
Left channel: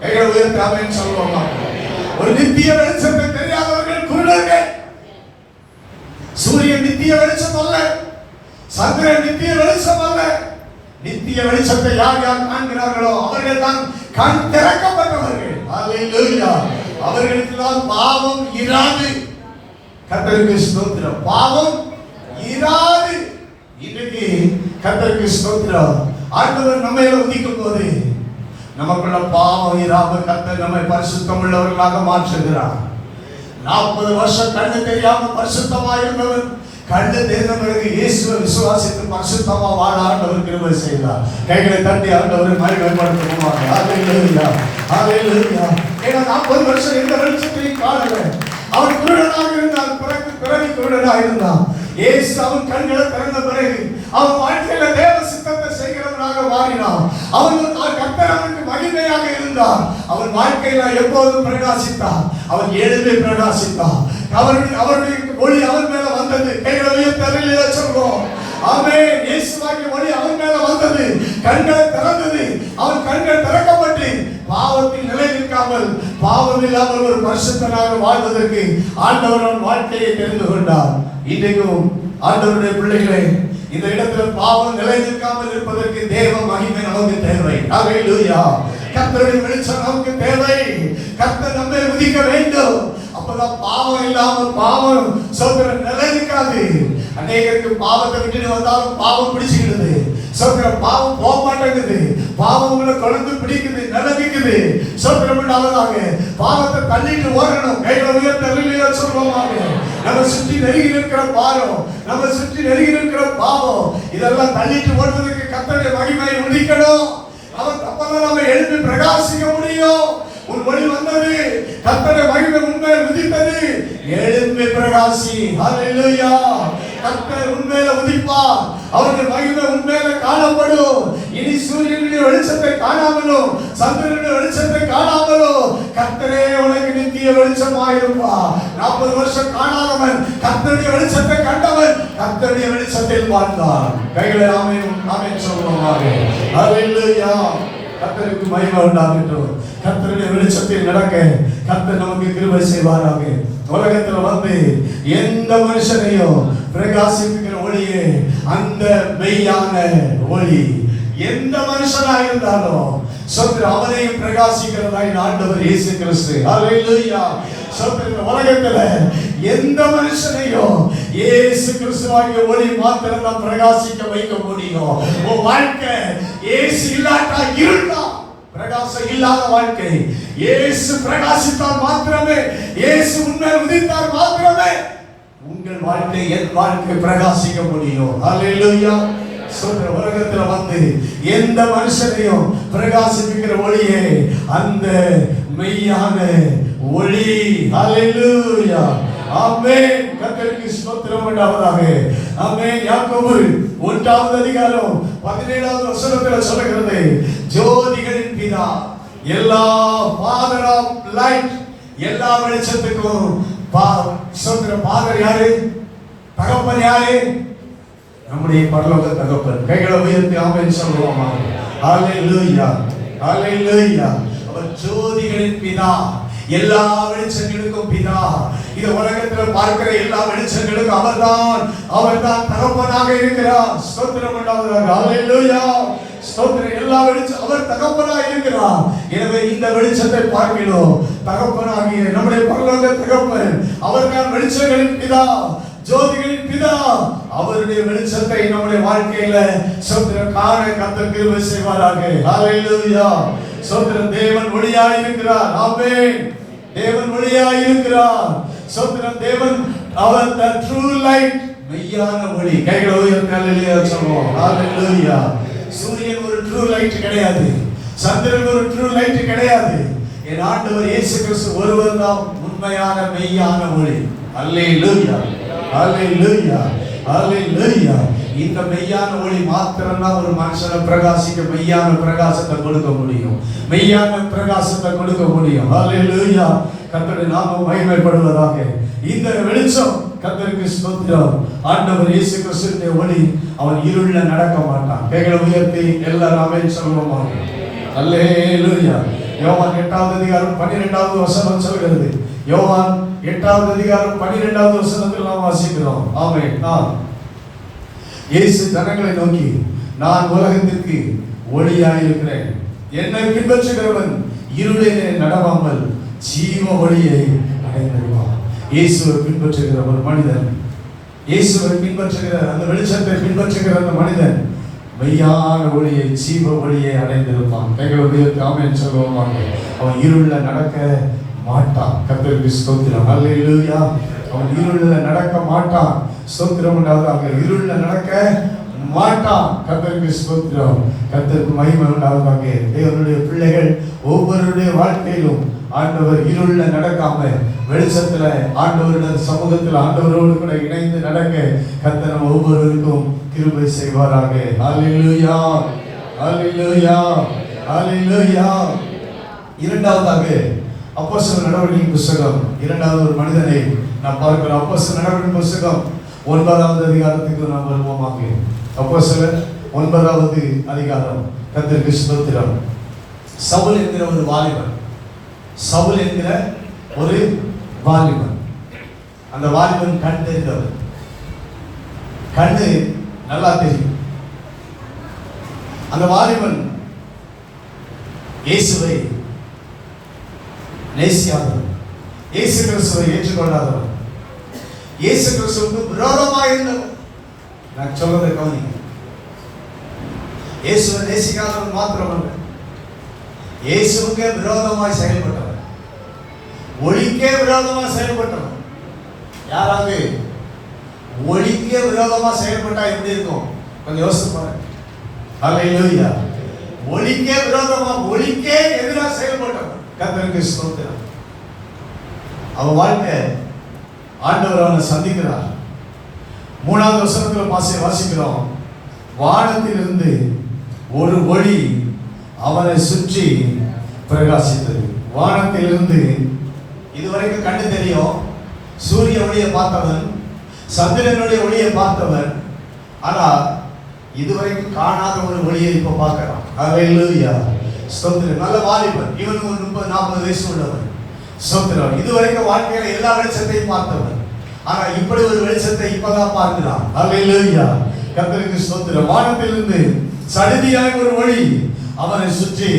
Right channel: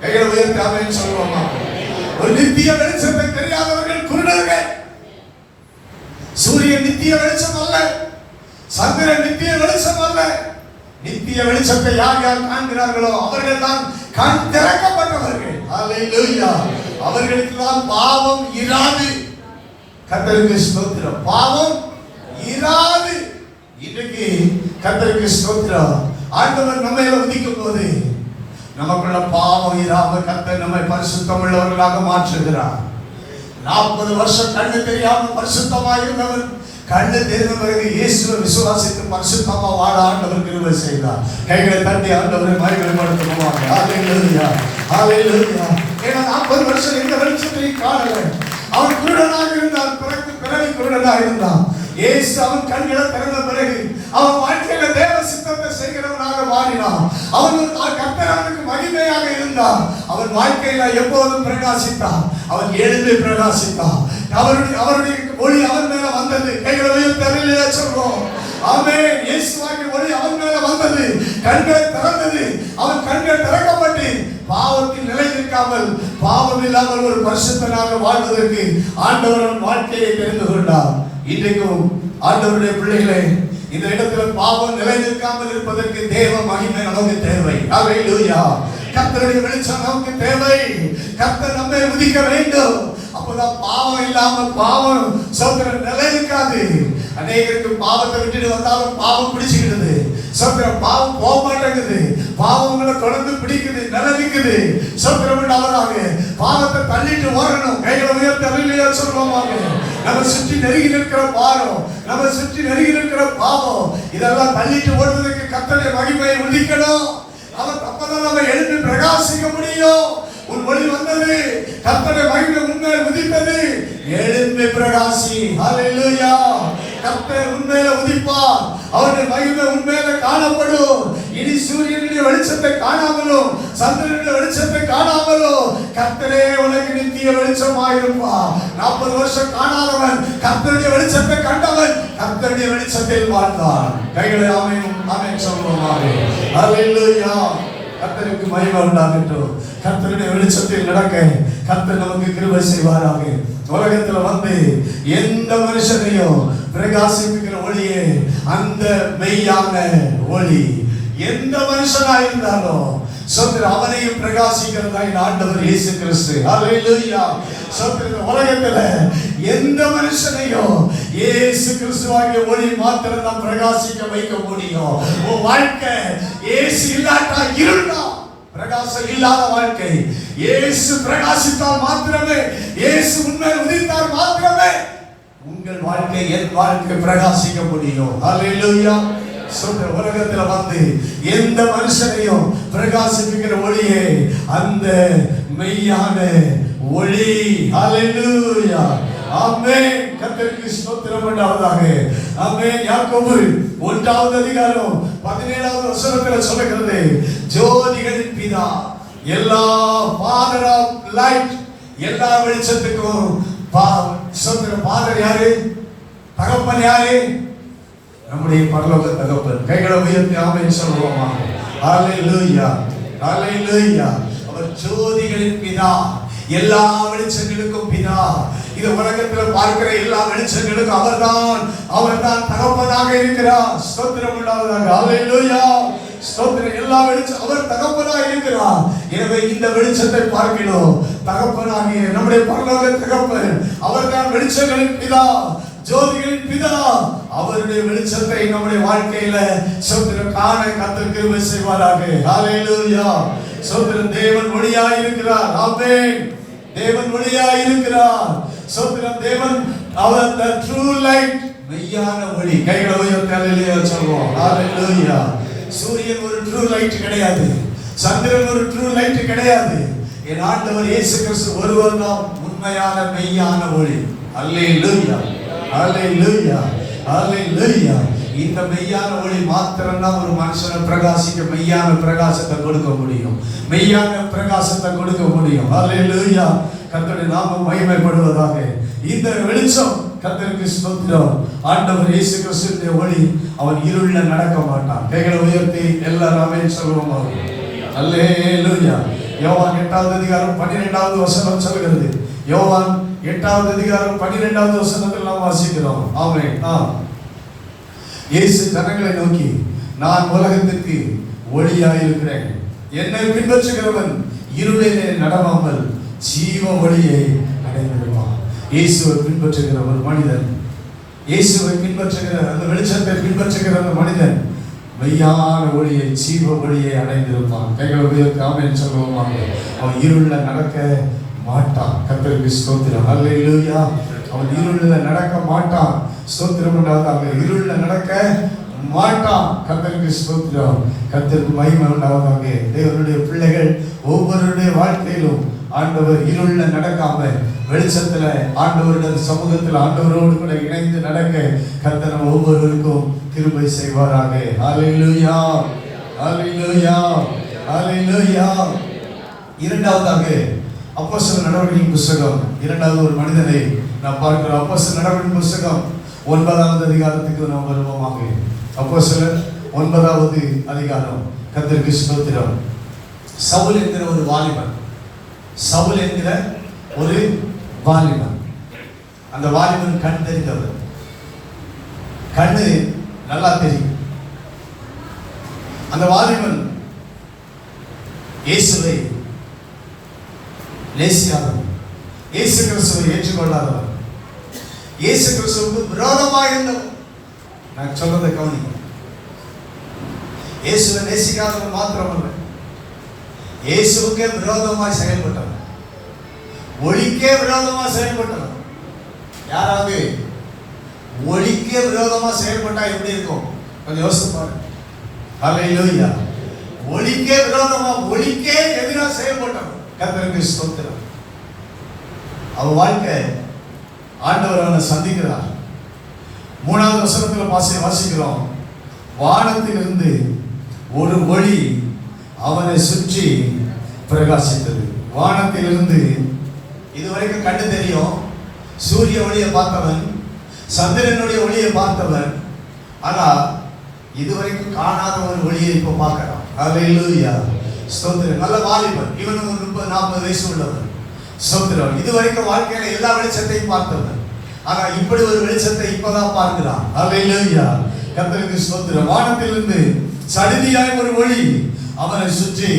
கைகளை உயர்த்தி ஆமென் சொல்லுவோமா? ஒரு நித்திய வெளிச்சத்தை தெரியாதவர்கள் குருடர்கள். சூரியன் நித்திய வெளிச்சம் அல்ல, சந்திரன் நித்திய வெளிச்சம் அல்ல. நித்திய வெளிச்சத்தை யார் யார் காண்கிறார்களோ அவர்கள் தான் கண் திறக்கப்பட்டவர்கள். அல்லேலூயா. அவர்களுக்கு தான் பாவம் இராது. கர்த்தருக்கு ஸ்தோத்திரம். பாவம் இராது. இன்றைக்கு கர்த்தருக்கு ஸ்தோத்திரம். ஆண்டவர் நம்மை உதிக்கும் போது நமக்குள்ள பாவம் இராம கர்த்தர் நம்மை பரிசுத்தம் உள்ளவர்களாக மாற்றுகிறார். 40 வருஷம் கண்ணு தெரியாம பரிசுத்தமா இருந்தவர் கண்ணு தெரிந்த பிறகு இயேசுவை விசுவாசித்து பரிசுத்தமா வாழ ஆண்டவர் கிருபை செய்தார். கைகளை தட்டி ஆண்டவரை மகிமைப்படுத்துவாங்க. ஹல்லேலூயா. ஹல்லேலூயா. ஏன்னா 40 வருஷம் எந்த வெளிச்சத்தையும் காணல. அவன் குருடனாக இருந்தான், பிறவி குருடனாக இருந்தான். இயேசு அவன் கண்களை திறந்த பிறகு அவன் வாழ்க்கையில தேவ சித்தத்தை செய்கிறவனாக மாறினான். அவன் கர்த்தர் அவனுக்கு மகிமையாக இருந்தான். அவன் வாழ்க்கையில எப்போதும் பிரகாசித்தான். அவன் எழுந்து பிரகாசித்தான். அவருடைய ஒளி அவன் மேல வந்தது. கைகளை உயர்த்தி சொல்வோம். ஆமென். இயேசுவின் ஒளி அவன் மேல வந்தது. கண்கள் திறந்தது. அவன் கண்கள் திறக்கப்பட்டு பாவத்தில் நிலை நிற்காமல் பாவம் இல்லாமல் ஒரு பரிசுத்தனாக வாழ்வதற்கு ஆண்டவர் வாழ்க்கையை தெரிந்து கொண்டார். இன்றைக்கும் ஆண்டவருடைய பிள்ளைகளே, இந்த இடத்துல பாவம் நிலை நிற்காமல் இருப்பதற்கு தேவ மகிமை நமக்கு தேவை. அல்லேலூயா. கர்த்தருடைய வெளிச்சம் நமக்கு தேவை. கர்த்தர் நம்மை உதிக்க வேண்டும். அப்பதான் பாவம் இல்லாமல் பாவம் சோதனை நிலை நிற்காது. அநேகருக்கு பாவத்தை விட்டுட்டு வந்தாலும் பாவம் பிடிச்சுக்கிறது. சோத்திரம். பாவம் போக மாட்டேங்குது. பாவம் உங்களை தொடர்ந்து பிடிக்குது, நிலவிக்குது. சோத்திரம் உண்டாவதாக. பாவத்தை தள்ளிட்டு ஓடணும். கைகளை உயர்த்த அல்லேலூயா சொல்லுவோமாக. நம்ம சுற்றி நெருங்கி இருக்கிற பாரம், நம்ம சுற்றி நெருங்கி இருக்கிற பாவம், இதெல்லாம் தள்ளிட்டு ஓடுவதற்கு கர்த்தருடைய மகிமையை உதிக்கணும். அவர் அப்பதான் நம்ம எழுப்பி பிரகாசிக்க முடியும். உன் வழி வந்தது, கர்த்தருடைய மகிமை உண்மையை உதித்தது. எழும்பி பிரகாசி. ஹல்லேலூயா. கர்த்தர் உண்மையில உதிப்பார். அவருடைய மகிமை உண்மையில காணப்படும். இனி சூரியனுடைய வெளிச்சத்தை காணாமலும் சந்திரனுடைய வெளிச்சத்தை காணாமலும் கர்த்தரே உனக்கு நித்திய வெளிச்சமாயிருப்பார். 40 வருஷம் காணாதவன் கர்த்தருடைய வெளிச்சத்தை கண்டவன் கர்த்தருடைய வெளிச்சத்தில் வாழ்ந்தான். கைகளை ஆமென் ஆமென் சொல்லுவாங்க. ஹல்லேலூயா. கர்த்தருக்கு மகிமை உண்டாகட்டும். கர்த்தருடைய வெளிச்சத்தில் நடக்க கர்த்தர் நமக்கு கிருபை செய்வாராக. உலகத்துல வந்து எந்த மனுஷனையும் பிரகாசிக்கிற ஒளியே அந்த மெய்யான ஒளி. எந்த மனுஷனா இருந்தாலும் சோத்திரம் அவனையும் பிரகாசிக்கிறதாய் ஆண்டவர் இயேசு கிறிஸ்து. ஹல்லேலூயா. சோத்திரம். உலகத்துல எந்த மனுஷனையும் இயேசு கிறிஸ்துவாகிய ஒளி மாத்திரம் தான் பிரகாசிக்க வைக்க முடியும். உன் வாழ்க்கை இயேசு இல்லாட்டா இருண்டா, பிரகாசம் இல்லாத வாழ்க்கை. இயேசு பிரகாசித்தால் மாத்திரமே, இயேசு உண்மை உதித்தால் மாத்திரமே உங்கள் வாழ்க்கை, என் வாழ்க்கை பிரகாசிக்க முடியும். ஹல்லேலூயா. சொல்ற உலகத்துல வந்து எந்த மனுஷனையும் பிரகாசிக்கிற ஒளியே அந்த மெய்யான ஒளி. ஹல்லேலூயா. ஆமென். கர்த்தருக்கு ஸ்தோத்திரம் உண்டாவதாக. ஆமென். யாக்கோபு 1வது அதிகாரம் 17வது வசனத்தில் சொல்லுகிறது, ஜோதிகளின் பிதா, எல்லா ஃபாதர் ஆஃப் லைட், எல்லா வெளிச்சத்துக்கும் ஃபாதர் யாரு? தகப்பன் யாரு? நம்முடைய பரலோக தகப்பன். கைகளை உயர்த்தி ஆமென் சொல்லுவோமா? ஹல்லேலூயா. ஹல்லேலூயா. ஜோதிகளின் பிதா, எல்லா வெளிச்சங்களுக்கும் பிதா. இந்த உலகத்தில் பார்க்கிற எல்லா வெளிச்சங்களுக்கும் அவர்தான் தகப்பனாக இருக்கிறார். ஸ்தோத்திரம் உண்டாவதாக. ஹல்லேலூயா. ஸ்தோத்திரம். எல்லா வெளிச்சம் அவர் தகப்பனாக இருக்கிறார். எனவே இந்த வெளிச்சத்தை பார்க்கிறோம். தகப்பனாகிய நம்முடைய பரலோக தகப்பன் அவர்தான் வெளிச்சங்களின் பிதா, ஜோதிகளின் பிதா. அவருடைய வெளிச்சத்தை நம்முடைய வாழ்க்கையில சோத்திரம் காண கர்த்தர் கிருபை செய்வாராக. ஹல்லேலூயா. சோத்திரம். தேவன் ஒளியாய் இருக்கிறார். ஆமென். தேவன் ஒளியாய் இருக்கிறார். சோத்திரம். தேவன் அவர் the true light, மெய்யான ஒளி. கைகளை உயர்த்தி அல்லேலூயா சொல்லுவோம். ஹல்லேலூயா. சூரியன் ஒரு ட்ரூ லைட் கிடையாது, சந்திரன் ஒரு ட்ரூ லைட் கிடையாது. என் ஆண்டவர் இயேசு கிறிஸ்து ஒருவர் தான் உண்மையான மெய்யான ஒளி. ஹல்லேலூயா. ஹல்லேலூயா. ஹல்லேலூயா. இந்த மெய்யான ஒளி மாத்திரம்தான் ஒரு மனுஷனை பிரகாசிக்க மெய்யான பிரகாசத்தை கொடுக்க முடியும். மெய்யான பிரகாசத்தை கொடுக்க முடியும். ஹல்லேலூயா. கர்த்தருடைய நாமம் மகிமைப்படுவதாக. இந்த வெளிச்சம் கர்த்தருக்கு ஸ்தோத்திரம். ஆண்டவர் இயேசு கிறிஸ்துவின் ஒளி. அவன் இருள்ல நடக்க மாட்டான். கைகளை உயர்த்தி எல்லாரும் ஆமென் சொல்லுவோமா? அல்லேலூயா. யோவான் 8வது அதிகாரம் 12வது வசனம் சொல்கிறது. யோவான் 8வது அதிகாரம் 12வது வசனத்தில் நாம் வாசிக்கிறோம். ஆமென். இயேசு ஜனங்களை நோக்கி, நான் உலகத்திற்கு ஒளியாய் இருக்கிறேன். என்னை பின்பற்றுகிறவன் இருளிலே நடவாமல் ஜீவ ஒளியை அடைந்திருவான். இயேசுவை பின்பற்றுகிற ஒரு மனிதன், இயேசுவை பின்பற்றுகிற அந்த வெளிச்சத்தை பின்பற்றுகிற அந்த மனிதன் மெய்யான ஒளியை, ஜீவ ஒளியை அடைந்திருப்பான். கைகளை ஆமென் சொல்லுவோம். அவன் இருள்ல நடக்க மாட்டான். கர்த்தருக்கு ஸ்தோத்திரம். ஹல்லேலூயா. அவன் இருள்ல நடக்க மாட்டான். ஸ்தோத்திரம் உண்டாவதாக. இருள்ல நடக்க மாட்டான். கர்த்தருக்கு ஸ்தோத்திரம். கர்த்தருக்கு மகிமை உண்டாவதாக. தேவனுடைய பிள்ளைகள் ஒவ்வொருடைய வாழ்க்கையிலும் ஆண்டவர் இருள்ல நடக்காம வெளிச்சத்துல ஆண்டவருடைய சமூகத்தில் ஆண்டவரோடு கூட இணைந்து நடக்க கர்த்தர் ஒவ்வொருவருக்கும் கிருபை செய்வாராக. ஹல்லேலூயா. ஹல்லேலூயா. ஹல்லேலூயா. இரண்டாவதாக அப்போஸ்தலர் நடவடிக்கையின் புத்தகம் 2வது ஒரு மனிதனை நாம் பார்க்கிறோம். அப்போஸ்தலர் நடவடிக்கையின் புத்தகம் 9வது அதிகாரத்துக்கு நாம் வருவோமாக. அப்போஸ்தலர் 9வது அதிகாரம். கர்த்தருக்கு ஸ்தோத்திரம். சவுல் என்கிற ஒரு வாலிபன், சவுல் என்கிற ஒரு வாலிபன். அந்த வாலிபன் கண் தெரிந்தவர். கண்ணு நல்லா தெரியும். அந்த வாலிபன் இயேசுவை நேசியாதவன், இயேசு கிறிஸ்துவை ஏற்றுக்கொள்ளாதவன், இயேசு கிறிஸ்துவுக்கு விரோதமாக இருந்தவன். நான் சொல்றதை கவனிங்க. இயேசுவை நேசிக்காதவன் மாத்திரமல்ல, இயேசுவுக்கே விரோதமாய் செயல்பட்டவன், ஒளிக்கே விரோதமாக செயல்பட்டவன். யாராவது ஒளிக்கே விரோதமா செயல்பட்டா எப்படி இருக்கும் கொஞ்சம் யோசித்து பாருங்க. ஹல்லேலூயா. ஒளிக்கே விரோதமா, ஒளிக்கே எதிராக செயல்பட்டவன். கர்த்தருக்கு ஸ்தோத்திரம். அவன் வாழ்க்கை ஆண்டவர் அவனை சந்திக்கிறார். 3வது வசனத்துல வாசிக்கிறோம், வானத்திலிருந்து ஒரு ஒளி அவனை சுற்றி பிரகாசித்தது. வானத்திலிருந்து இதுவரைக்கும் கண்டு தெரியும், சூரிய ஒளியை பார்த்தவன், சந்திரனுடைய ஒளியை பார்த்தவன், ஆனா இதுவரைக்கும் காணாத ஒரு ஒளியை இப்ப பார்க்கிறான். ஹல்லேலூயா. ஸ்தோத்திரம். நல்ல வாலிபன், இவனுக்கு ஒரு 30-40 வயசு உள்ளவன். ஸ்தோத்திரம். இதுவரைக்கும் வாழ்க்கையில எல்லா வெளிச்சத்தையும் பார்த்தவன், ஆனா இப்படி ஒரு வெளிச்சத்தை இப்பதான் பார்க்கிறான். ஹல்லேலூயா. கர்த்தருக்கு ஸ்தோத்திரம். வானத்திலிருந்து சடிதியாய் ஒரு ஒளி அவனை சுற்றி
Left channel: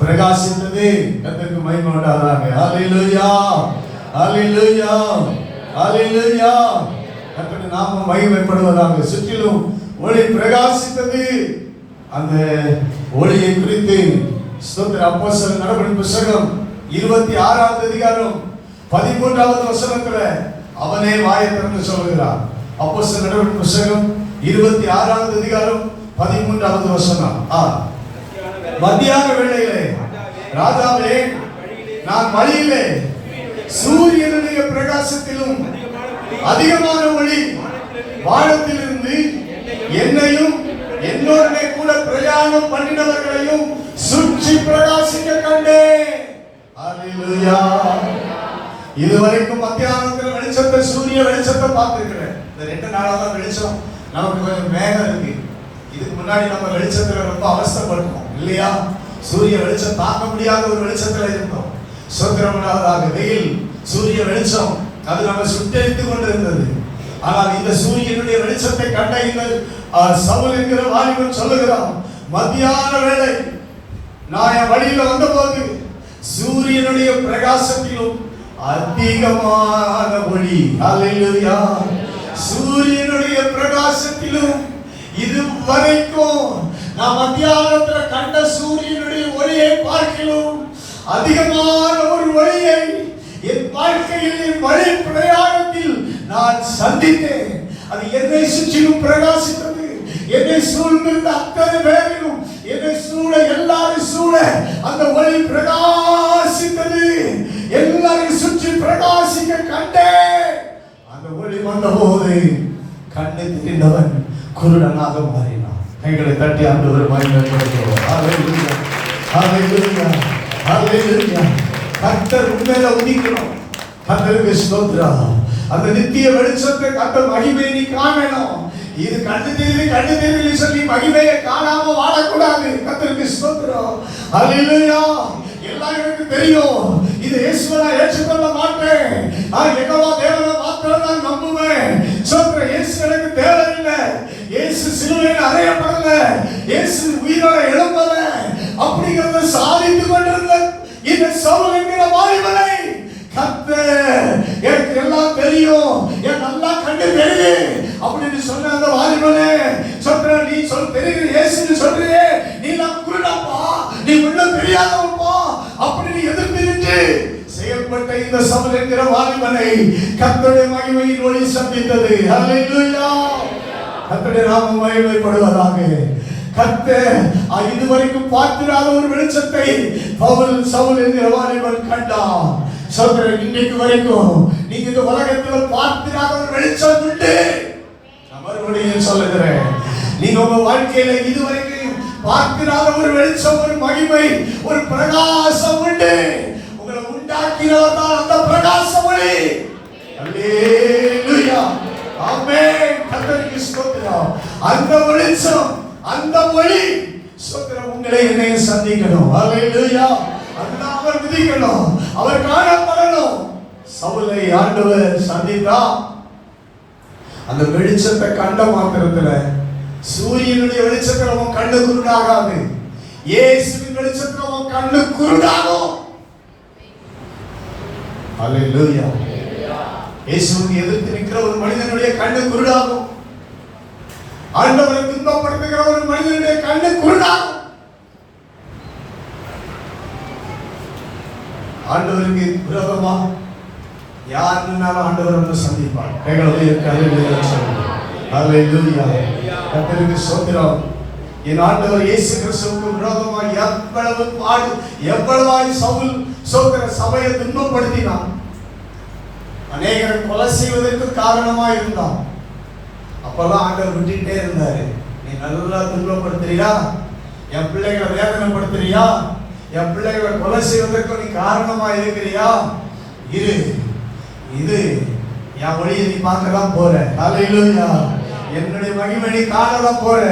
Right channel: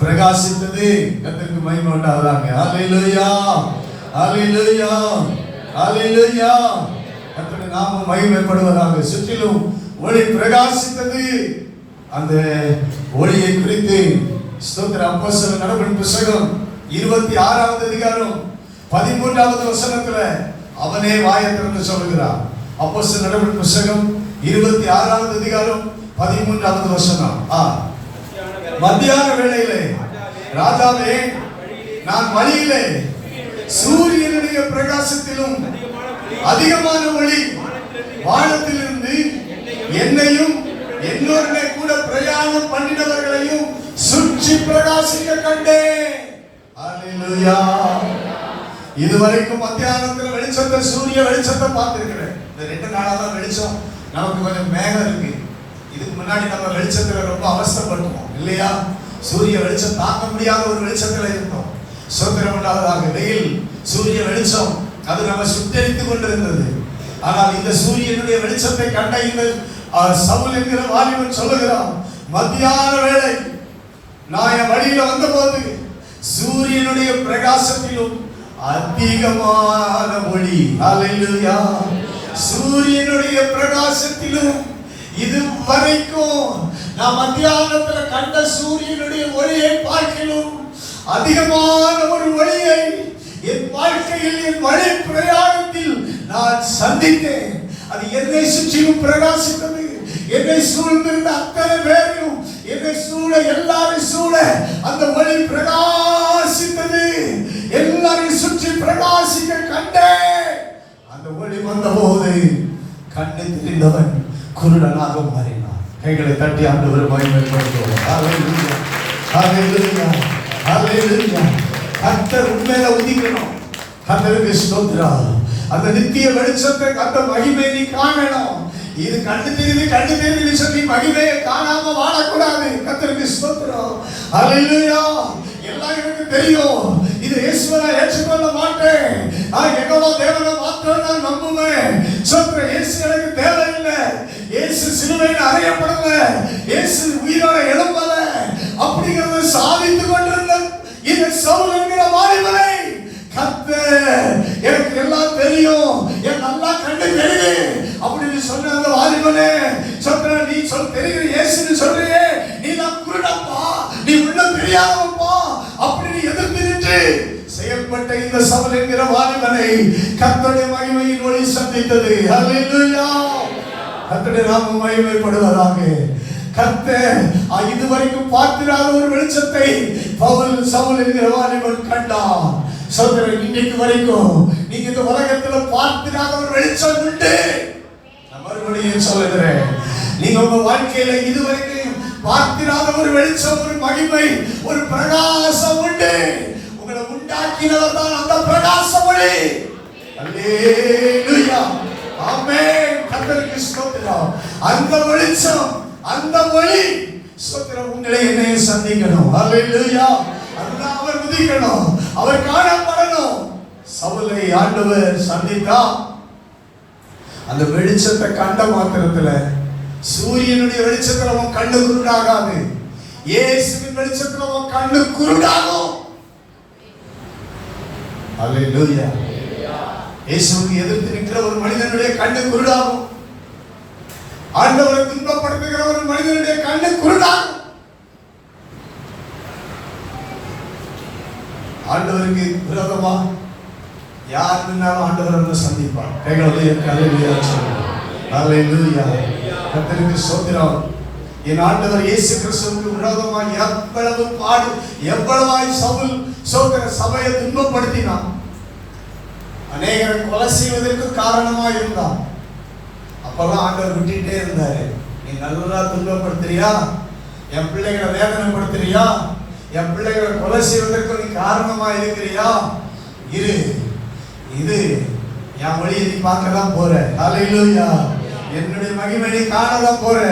பிரகாசித்தது. கர்த்தருக்கு மகிமை உண்டாவதாக. ஹல்லேலூயா. ஹல்லேலூயா. ஹல்லேலூயா. கர்த்தருடைய நாமம் மகிமைப்படுவதாக. சுற்றிலும் ஒளி பிரகாசித்தது. அந்த ஒளியை குறித்து ஸ்தோத்திரம். அப்போஸ்தலர் நடவடிக்கை புத்தகம் 26வது அதிகாரம் 13வது வசனத்துல அவனே வாயை திறந்து சொல்லுகிறார். அப்போஸ்தலர் நடவடிக்கை புத்தகம் 26வது அதிகாரம் 13வது வசனம். மத்தியான வேளையிலே ராஜாவே, நான் வழியிலே சூரியனுடைய பிரகாசத்திலும் அதிகமான ஒளி வானத்திலிருந்து என்னையும் என்னோட கூட பிரயாணம் பண்ணினவர்களையும் சுற்றி பிரகாசிக்க கண்டேன். ஹல்லேலூயா. இதுவரைக்கும் மத்தியானத்துல வெளிச்சத்தை, சூரிய வெளிச்சத்தை பார்த்திருக்கிறேன். இந்த 2 நாளா தான் வெளிச்சம் நமக்கு கொஞ்சம் மேகம் இருக்கு. இதுக்கு முன்னாடி நம்ம வெளிச்சத்துல ரொம்ப அவஸ்தைப்படுவோம் இல்லையா? சூரிய வெளிச்சம் தாக்க முடியாத ஒரு வெளிச்சத்துல இருந்தோம். சோத்திரம் உண்டாவதாக. வெயில், சூரிய வெளிச்சம் அது நம்ம சுட்டரித்துக் கொண்டிருந்தது. ஆனால் இந்த சூரியனுடைய வெளிச்சத்தை கண்ட இந்த சவுல் என்கிற வாலிபன் சொல்லுகிறான், மத்தியான வேளை நான் என் வழியில வந்தபோது சூரியனுடைய பிரகாசத்திலும் அதிகமான ஒளி. ஹல்லேலூயா. சூரியனுடைய பிரகாசத்திலும் இதுவரைக்கும் நான் மத்தியானத்துல கண்ட சூரியனுடைய ஒளியை பார்க்கிறோம், அதிகமான ஒரு ஒளியை என் வாழ்க்கையில், என் வழி பிரயாணத்தில் நான் சந்தித்தேன். அது என்னை சுற்றிலும் பிரகாசித்தது. என்னை சூழ்ந்திருந்த அத்தனை பேரையும், என்னை சூழ எல்லாரும் சூழ அந்த ஒளி பிரகாசித்தது. எல்லாரையும் சுற்றி பிரகாசிக்க கண்டேன். அந்த ஒளி வந்த போது கண்ணை தெரிந்தவன் குருடனாக மாறினான். கைகளை தட்டி ஆண்டவர் மகிமைப்படுத்துவார். ஹல்லேலூயா. ஹல்லேலூயா. ஹல்லேலூயா. கர்த்தர் உண்மையில உதிக்கணும். கர்த்தருக்கு ஸ்தோத்திரம். அந்த நித்திய வெளிச்சத்தை, அந்த மகிமையை நீ காணணும். இது கண்டு தெரியுது சொல்லி மகிமையை காணாம வாழக்கூடாது. கர்த்தருக்கு ஸ்தோத்திரம். ஹல்லேலூயா. எல்லாம் எனக்கு தெரியும், இது இயேசுவை ஏற்றுக்கொள்ள மாட்டேன், நான் யெகோவா தேவனை மாத்திரம் நான் நம்புவேன். சொல்றேன், இயேசு எனக்கு தேவையில்லை, இயேசு சிலுவையில் அறையப்படல, இயேசு உயிரோட எழும்பல அப்படிங்கிறத சாதித்து கொண்டிருந்த இந்த சவுல் என்கிற வாலிபனை கர்த்தர் எனக்கு எல்லாம் தெரியும், என் நல்லா கண்டு தெரியுது அப்படின்னு சொன்ன அந்த வாலிபனே சொல்ற, நீ தெரிகிற இயேசுன்னு சொல்றியே, நீ நான் குருடப்பா, நீ உள்ள தெரியாதவப்பா அப்படி எதிர்த்து நின்று செயல்பட்ட இந்த சவுல் என்கிற வாலிபனை கர்த்தருடைய மகிமையின் ஒளி சந்தித்தது. ஹல்லேலூயா. கர்த்தருடைய நாமம் மகிமைப்படுவதாக. கர்த்தர் இதுவரைக்கும் பார்த்திராத ஒரு வெளிச்சத்தை சவுல் என்கிற வாலிபன் கண்டான். சகோதரர், இன்னைக்கு வரைக்கும் நீங்க இந்த உலகத்துல பார்த்திராத ஒரு வெளிச்சம் உண்டு. மறுபடியும் சொல்லுகிறேன், நீங்க உங்க வாழ்க்கையில இதுவரைக்கும் பார்த்திராத ஒரு வெளிச்சம், ஒரு மகிமை, ஒரு பிரகாசம் உண்டு. உங்களை உண்டாக்கினவர் தான் அந்த பிரகாசம் ஒளி. அல்லேலூயா. ஆமென். கர்த்தருக்கு ஸ்தோத்திரம். அந்த வெளிச்சம், அந்த ஒளி ஸ்தோத்திரம் உங்களை என்னைய சந்திக்கணும். அல்லேலூயா. அதுதான் அவர் விதிக்கணும், அவர் காணப்படணும். சவுலை ஆண்டவர் சந்தித்தார். அந்த வெளிச்சத்தை கண்ட மாத்திரத்துல சூரியனுடைய வெளிச்சத்துல அவன் கண்ணு குருடாகாது, இயேசுவின் வெளிச்சத்துல அவன் கண்ணு குருடாகும். அல்லேலூயா. இயேசுவை எதிர்த்து நிற்கிற ஒரு மனிதனுடைய கண்ணு குருடாகும். ஆண்டவரை துன்பப்படுத்த துன்பப்படுத்துகிற ஒரு மனிதனுடைய கண்ணு குருடாகும். ஆண்டவருக்கு விரோதமா யார் நின்னாலும் ஆண்டவர் நம்ம சந்திப்பார். கர்த்தருக்கு ஸ்தோத்திரம். என் ஆண்டவர் இயேசு கிறிஸ்துவுக்கு விரோதமாக எவ்வளவு பாடு, எவ்வளவாய் சவுல் சபையை துன்பப்படுத்தினான். அநேகரை கொலை செய்வதற்கு காரணமா இருந்தான். அப்பெல்லாம் ஆண்டவர் விட்டுட்டே இருந்தாரு. நீ நல்லா துன்பப்படுத்துறியா, என் பிள்ளைகளை வேதனைப்படுத்துறியா, என் பிள்ளைகளை கொலை செய்வதற்கு நீ காரணமா இருக்கிறியா, இரு இது என் வழியை நீ பார்க்கலாம் போற. அல்லேலூயா. என்னுடைய மகிமை நீ காணலாம் போற.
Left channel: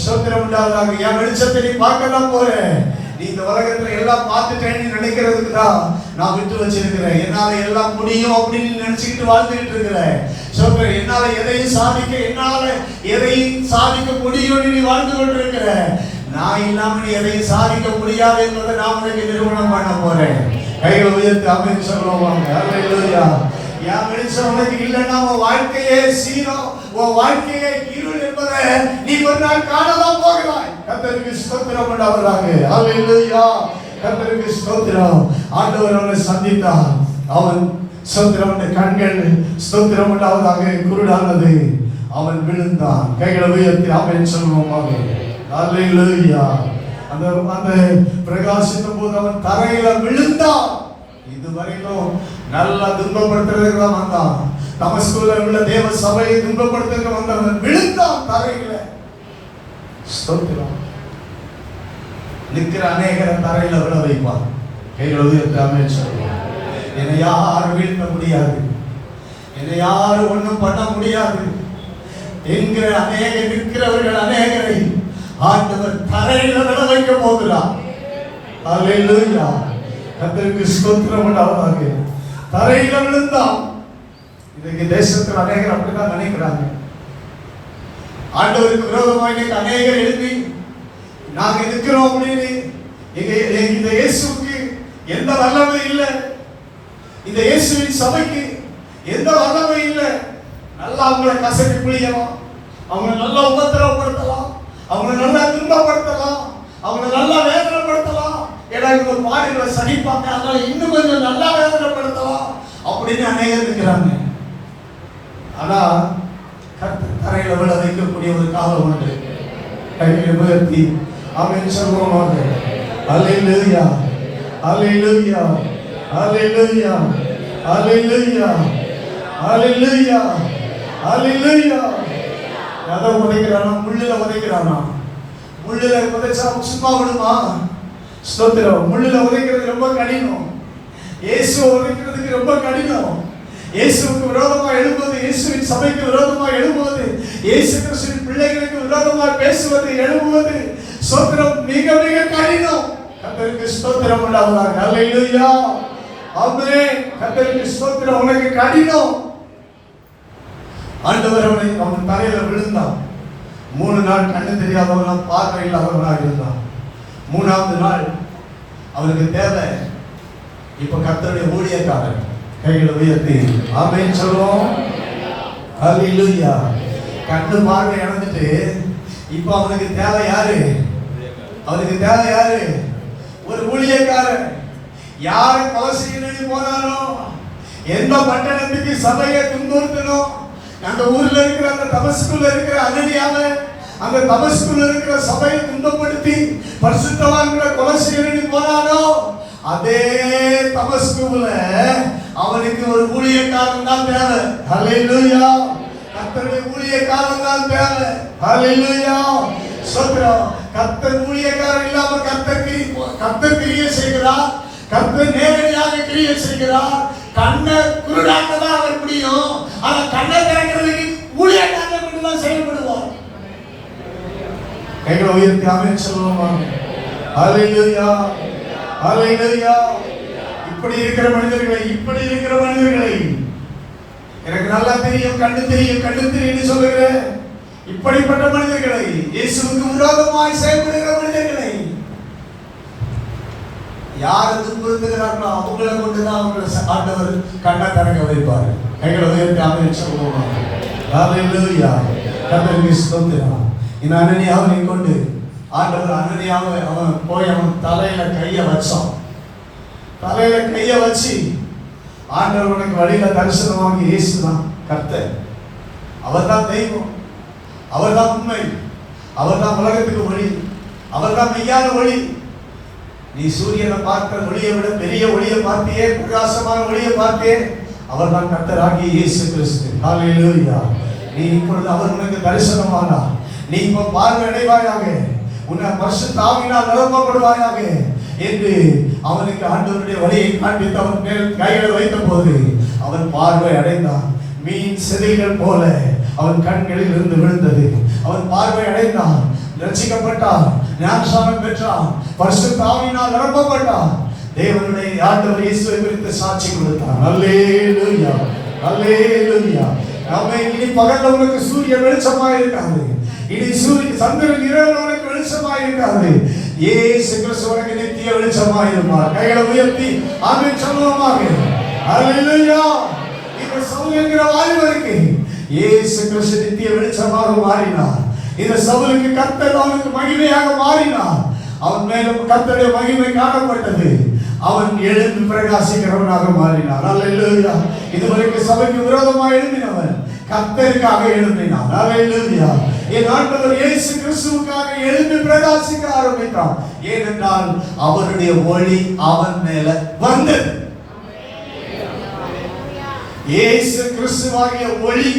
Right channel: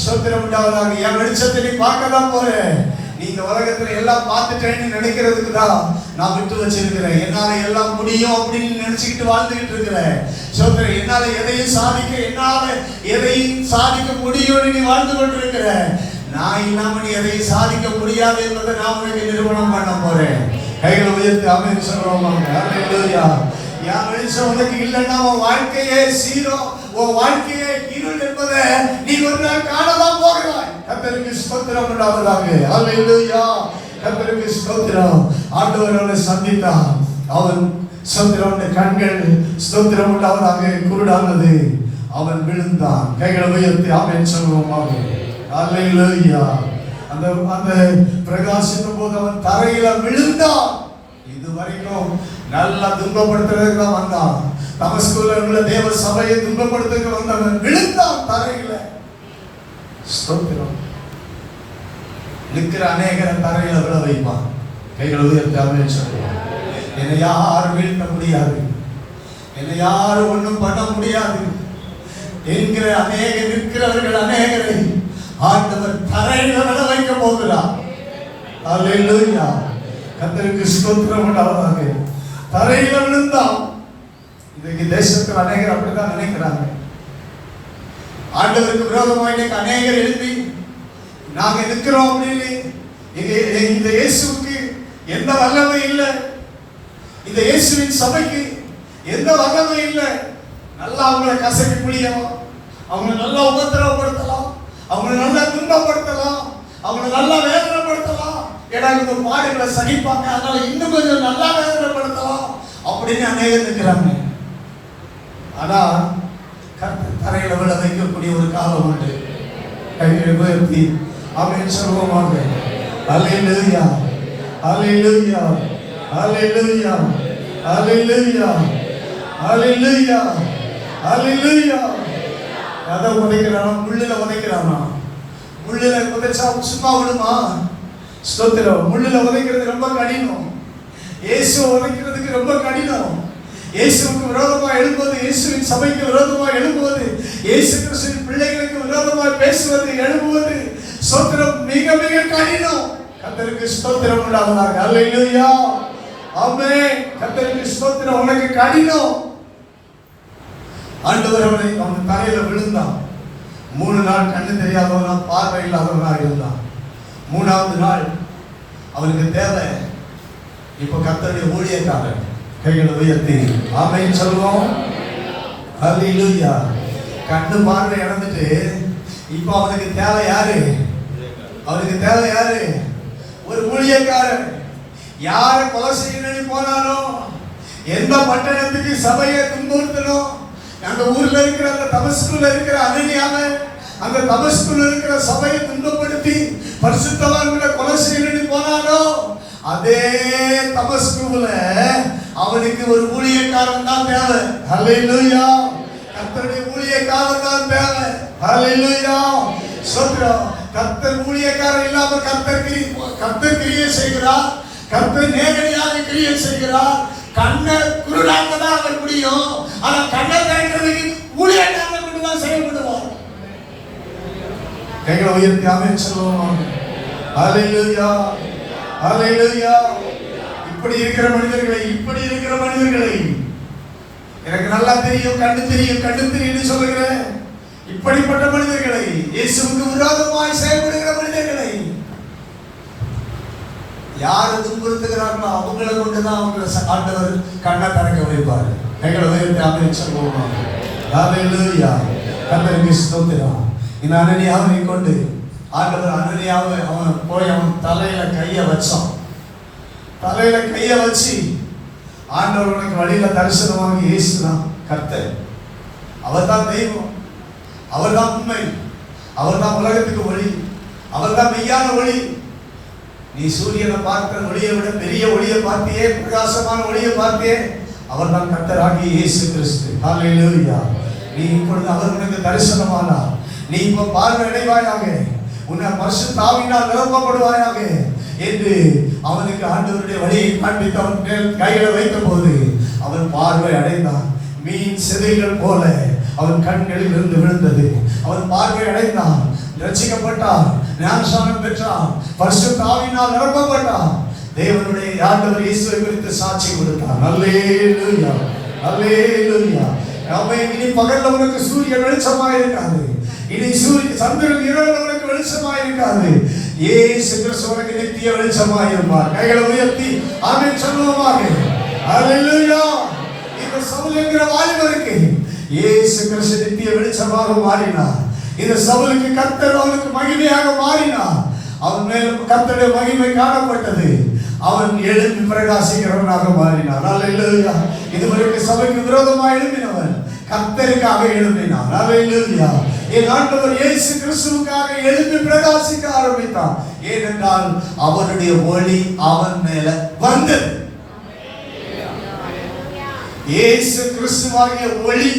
ஸ்தோத்திரம் உண்டாவதாக. என் வெளிச்சத்தை நீ பார்க்கலாம் போற. நீங்க உலகத்துல எல்லாம் பார்த்துட்டேன்னு நினைக்கிறதுக்கு தான் நான் விட்டு வச்சிருக்கிறேன். என்னால எல்லாம் முடியும் அப்படின்னு நினைச்சுக்கிட்டு வாழ்ந்துகிட்டு இருக்கிறேன். ஸ்தோத்திரம். என்னால எதையும் சாதிக்க முடியும்னு நீ வாழ்ந்து கொண்டிருக்கிற. நான் இல்லாம நீ எதையும் சாதிக்க முடியாது என்பதை நான் உனக்கு நிறுவனம் பண்ண போறேன். கைகளை உயர்த்தி அமைன்னு சொல்லுவோம். அல்லேலூயா. என் வெளிச்சம் உனக்கு இல்லைன்னா உன் வாழ்க்கையே சீரோ, உன் வாழ்க்கையே இருள் என்பதை நீ ஒரு நாள் காணதான் போகிறாய். கர்த்தருக்கு ஸ்தோத்திரம் உண்டாவதாக. அல்லேலூயா. கர்த்தருக்கு ஸ்தோத்திரம். ஆண்டவர் அவனை சந்தித்தான். அவன் ஸ்தோத்திரம், கண்கள் ஸ்தோத்திரம் உண்டாவதாக குருடானது. அவன் விழுந்தான். கைகளை உயர்த்தி ஆமென் சொல்லுவோமாக. அல்லேலூயா. அந்த பிரகாசித்த போது அவன் தரையில விழுந்தான். இதுவரைக்கும் நல்லா துன்பப்படுத்துறதுக்கு தான் வந்தான். தமஸ்குல உள்ள தேவ சபையை துன்பப்படுத்துறதுக்கு வந்தவன் விழுந்தான் தரையில. ஸ்தோத்திரம். நிற்கிற அநேகரை தரையில விழ வைப்பான். கைகளை உயர்த்தி ஆமென் சொல்லுவான். என்னை யாரும் வீழ்த்த முடியாது, என்னை யாரும் ஒன்றும் பண்ண முடியாது என்கிற நிற்கிறவர்கள் அநேகரை ஆண்டவர் தரையில விழ வைக்க போகிறார். அல்லேலூயா. கர்த்தருக்கு ஸ்தோத்திரம் உண்டாவதாக. தரையில விழுந்தான். இன்னைக்கு தேசத்தில் அநேகர் அப்படிதான் நினைக்கிறாங்க. ஆண்டவருக்கு விரோதமா இன்னைக்கு அநேகர் எழுப்பி நாங்க இருக்கிறோம் அப்படின்னு. இந்த இயேசுக்கு எந்த வல்லமை இல்லை, இந்த இயேசுவின் சபைக்கு எந்த வல்லமை இல்லை. நல்லா அவங்களை கசக்கி பிடிக்கலாம், அவங்க நல்லா உபத்திரவப்படுத்தலாம், அவங்க நல்லா துன்பப்படுத்தலாம், அவங்க நல்லா வேதனைப்படுத்தலாம். ஏதாவது ஒரு பாடல்களை சகிப்பாங்க, அதனால இன்னும் கொஞ்சம் நல்லா வேதனைப்படுத்தலாம் அப்படின்னு அநேகர் இருக்கிறாங்க. ஆனா கர்த்தர் தரையில விழ வைக்கக்கூடிய ஒரு காலம் உண்டு. கைகளை உயர்த்தி ஆமென் சொல்லுவோமாக. அல்லேலூயா. அல்லேலூயா. அல்லேலூயா. அல்லேலூயா. அல்லேலூயா. அல்லேலூயா. அதை உடைக்கிறானா, முள்ளில உடைக்கிறானா? முள்ளில உடைச்சா சும்மா விடுமா? ஸ்தோத்திரம். முள்ளில உதைக்கிறது ரொம்ப கடினம். இயேசுவை உதைக்கிறதுக்கு ரொம்ப கடினம். இயேசுவுக்கு விரோதமா எழும்புவது, இயேசுவின் சபைக்கு விரோதமா எழும்புவது, இயேசு கிறிஸ்துவின் பிள்ளைகளுக்கு விரோதமா பேசுவது, எழும்புவது ஸ்தோத்திரம் மிக மிக கடினம். கர்த்தருக்கு ஸ்தோத்திரம் உண்டாவதாக. அல்லேலூயா. ஆமென். கர்த்தருக்கு ஸ்தோத்திரம். உனக்கு கடினம். ஆண்டவர் அவன் தரையில விழுந்தான். 3 நாள் கண்ணு தெரியாதவனா, பார்வை இல்லாதவனாக இருந்தான். 3ஆவது நாள் அவனுக்கு தேவை இப்ப கர்த்தருடைய ஊழியக்காரன். கைகளை உயர்த்தி ஆமென் சொல்லுவோம். அல்லேலூயா. கண்ணு பார்வை இழந்துட்டு இப்ப அவனுக்கு தேவை யாரு? அவனுக்கு தேவை யாரு? ஒரு ஊழியக்காரன். யாரை கொலை செய்யணும்னு போனாலும், எந்த பட்டணத்துக்கு சபையை துன்புறுத்தணும், அந்த ஊர்ல இருக்கிற அந்த தமஸ்குல இருக்கிற அனனியாவை, அந்த தமஸ்குல இருக்கிற சபையை துன்பப்படுத்தி பரிசுத்தவான்களை கொலை செய்யணும்னு போனாலோ, அதே தமஸ்குல அவனுக்கு ஒரு ஊழியக்காரன் தான் தேவை. அல்லேலூயா. கர்த்தருடைய ஊழியக்காரன் தான் தேவை. அல்லேலூயா. ஸ்தோத்திரம். கர்த்தர் ஊழியக்காரன் இல்லாம கர்த்தர் கிரியை செய்கிறார். கர்த்தர் நேரடியாக கிரியை செய்கிறார். கண்ணை குருடாக்க தான் அவர் முடியும். ஆனா கண்ணை திறக்கிறதுக்கு ஊழியக்காரன் மட்டும்தான் செயல்படுவார். கைகளை உயர்த்தி ஆமென் சொல்லுவோமா. அல்லேலூயா. அல்லேலூயா. இப்படி இருக்கிற மனிதர்களை எனக்கு நல்லா தெரியும், கண்ணு தெரியும் சொல்லுகிற இப்படிப்பட்ட மனிதர்களை, இயேசுவுக்கு விரோதமாய் செயல்படுகிற மனிதர்களை யார் துன்புறுத்துகிறார்களோ அவங்களை கொண்டுதான் அவங்களை ஆண்டவர் கண்ணை திறக்க வைப்பார். கைகளை உயர்த்தி ஆமென் சொல்லுவோமா. அல்லேலூயா. கர்த்தருக்கு ஸ்தோத்திரம். இந்த அனனியாவை கொண்டு ஆண்டவர் அனனியாவை அவன் போய் அவன் தலையில கையை வச்சான். தலையில கையை வச்சு ஆண்டவர் உனக்கு வழியில தரிசனமாக இயேசுதான் கர்த்தர், அவர்தான் தெய்வம், அவர்தான் உண்மை, அவர்தான் உலகத்துக்கு வழி, அவர்தான் மெய்யான ஒளி. நீ சூரியனை பார்த்த ஒளியை விட பெரிய ஒளியை பார்த்தியே, பிரகாசமான ஒளியை பார்த்தியே, அவர்தான் கர்த்தராகிய இயேசு கிறிஸ்து. ஹல்லேலூயா. நீ இப்பொழுது அவர் உனக்கு தரிசனமானார். நீ இப்போ பார்வை அடைவாயாக, உன்னை பரிசுத்த ஆவியினால் நிரப்பப்படுவாயாக என்று அவனுக்கு ஆண்டவருடைய வழியை காண்பித்து அவன் மேல் கைகளை வைத்த போது அவன் பார்வை அடைந்தான். மீன் செதில்கள் போல அவன் கண்களில் இருந்து விழுந்தது. அவன் பார்வை அடைந்தான், ரட்சிக்கப்பட்டான், ஞானஸ்நானம் பெற்றான், பரிசுத்த ஆவியினால் நிரப்பப்பட்டான். தேவனுடைய ஆண்டவர் இயேசுவை குறித்து சாட்சி கொடுத்தான். அல்லேலூயா, அல்லேலூயா. ஆமென். இனி பகல்ல உனக்கு சூரியன் வெளிச்சமாக இருக்காது, இனி சந்திரன் இரவில் உனக்கு வெளிச்சமாக இருக்காது. இயேசு கிறிஸ்து உனக்கு நித்திய வெளிச்சமாக இருப்பார். கைகளை உயர்த்தி ஆமென் சொல்லுவோமாக. அல்லேலூயா. இந்த சவுல் என்கிற வாலிபருக்கு இயேசு கிறிஸ்து நித்திய வெளிச்சமாக மாறினார். இந்த சவுலுக்கு கர்த்தர் அவனுக்கு மகிமையாக மாறினார். அவன் மேலும் கர்த்தருடைய மகிமை காணப்பட்டது. அவன் எழுந்து பிரகாசிக்கிறவனாக மாறினான். அல்லேலூயா. இதுவரைக்கும் சபைக்கு விரோதமாக எழும்பினவன் கர்த்தருக்காக எழும்பினான். அல்லேலூயா. என் ஆண்டவர் இயேசு கிறிஸ்துவுக்காக எழுந்து பிரகாசிக்க ஆரம்பித்தான். ஏனென்றால் அவருடைய ஒளி அவன் மேல வந்தது. இயேசு கிறிஸ்துவாகிய ஒளி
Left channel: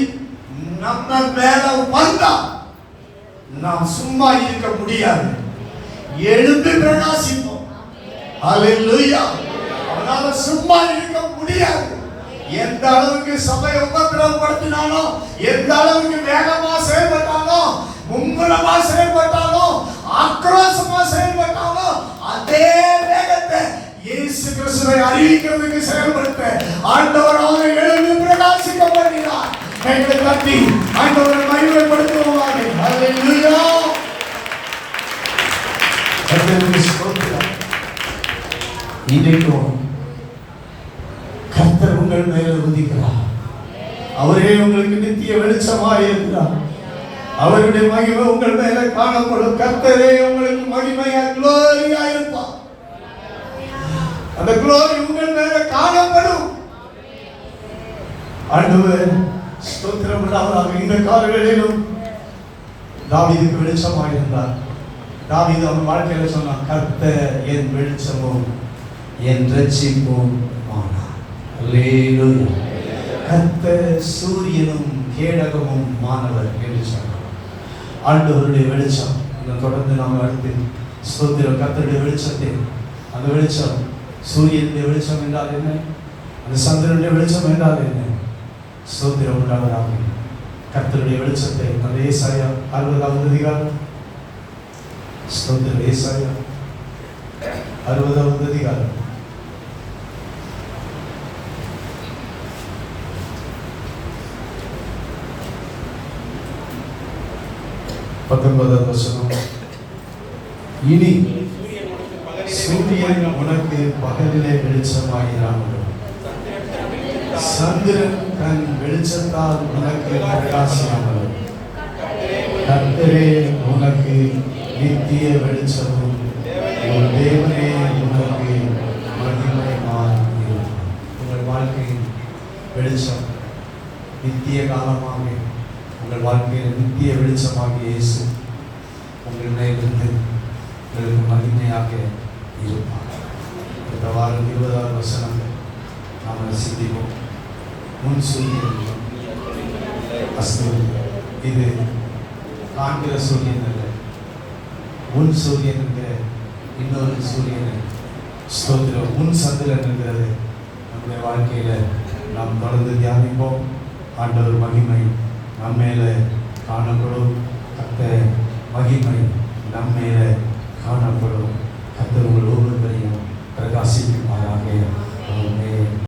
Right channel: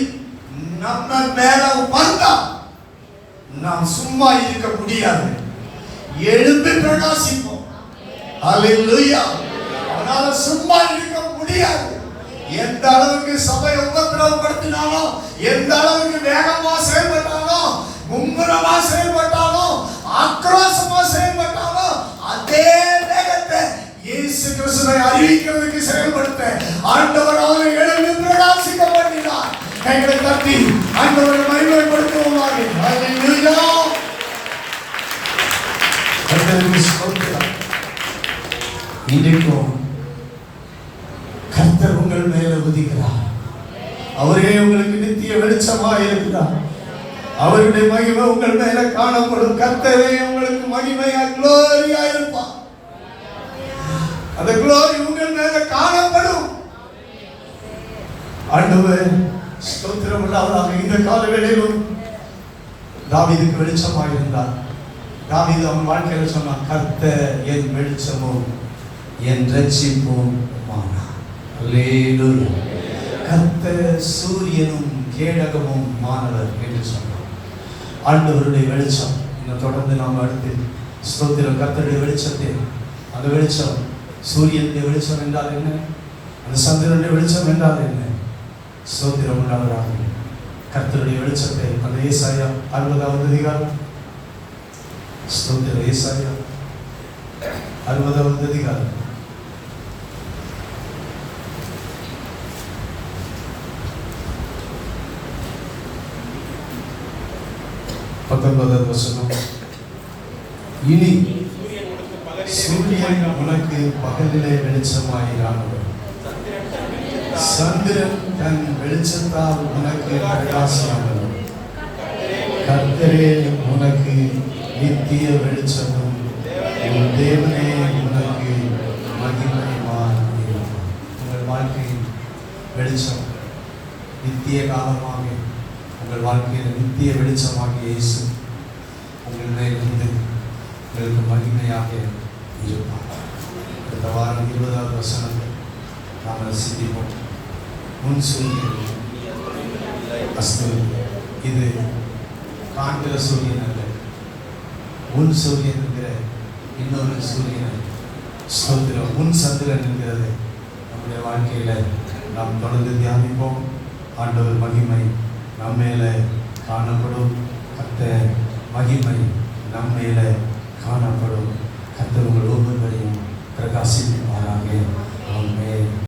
நம்ம மேல வந்தா நாம் சும்மா இருக்க முடியாது, எழுந்து பிரகாசிப்போம். அல்லேலூயா. அதனால சும்மா இருக்க முடியாது. எந்த அளவுக்கு சபையை உபத்திரவப்படுத்தினானோ, எந்த அளவுக்கு வேகமா செயல்பட்டானோ, மும்முரமா செயல்பட்டானோ, ஆக்ரோஷமா செயல்பட்டானோ, அதே வேகத்தை இயேசு கிறிஸ்துவை அறிவிக்கிறதுக்கு செயல்படுத்த ஆண்டவர் அவரை எழுந்து பிரகாசிக்க பண்ணினார். கைகளை தட்டி ஆண்டவரை மகிமைப்படுத்துவோமாக. அல்லேலூயா. இன்றைக்கும் கர்த்தர் உங்கள் மேல உதிக்கிறார். அவரே உங்களுக்கு நித்திய வெளிச்சமாக இருக்கிறார். அவருடைய மகிமை உங்கள் மேல காணப்படும். கர்த்தரே உங்களுக்கு மகிமையா குளோரியா இருப்பார். அந்த குளோரி உங்கள் மேல காணப்படும். ஆண்டவரே ஸ்தோத்திரம் உண்டாவதாக. இந்த காலங்களிலும் தாவீதுக்கு வெளிச்சமாக இருந்தார். தாவீது அவன் வாழ்க்கையில சொன்னான், கர்த்தர் என் வெளிச்சமும் என் ரட்சிப்பும் ஆனார். அல்லேலூயா. கர்த்தர் சூரியனும் கேடகமும் மானவர் என்று சொன்னார். ஆண்டவருடைய வெளிச்சம். தொடர்ந்து நாம் அடுத்து ஸ்தோத்திரம். கர்த்தருடைய வெளிச்சத்தை, அந்த வெளிச்சம் சூரியனுடைய வெளிச்சம் என்றால் என்ன, அந்த சந்திரனுடைய வெளிச்சம் என்றால் என்ன? ஸ்தோத்திரம் உண்டாவதாக. கர்த்தருடைய வெளிச்சத்தை அந்த ஏசாயா 60வது அதிகாரம், ஸ்தோத்திரம், ஏசாயா 60வது அதிகாரம் 19வது வசனம். இனி சூரியன் உனக்கு பகலிலே வெளிச்சமாயிராமல், சந்திரன் தன் வெளிச்சத்தால் உனக்கு பிரகாசியாமல், கர்த்தரே உனக்கு நித்திய வெளிச்சமும் உன் தேவனே உனக்கு மகிமையுமாய் இருக்கிறார். உங்கள் வாழ்க்கையின் வெளிச்சம் நித்திய காலமாக, உங்கள் வாழ்க்கையில் நித்திய வெளிச்சமாக இயேசு உங்கள் மேலிருந்து உங்களுக்கு மகிமையாக இருப்பார். இந்த வாரம் 20வது வசனம் நாம் சிந்திப்போம். முன் சூரியன் அஸ்தமனம். இது காண்கிற சூரியன் அல்ல, முன் சூரியன் என்கிற இன்னொரு சூரியன். ஸ்தோத்திரம். முன் சந்திரன் என்கிறது நம்முடைய வாழ்க்கையில நாம் தொடர்ந்து தியானிப்போம். ஆண்டவர் மகிமை நம்மையில காணப்படும். கர்த்தர் மகிமை நம்மையில காணப்படும். கர்த்தர் உங்கள் ஒவ்வொருவரையும் பிரகாசிக்குமாறாக.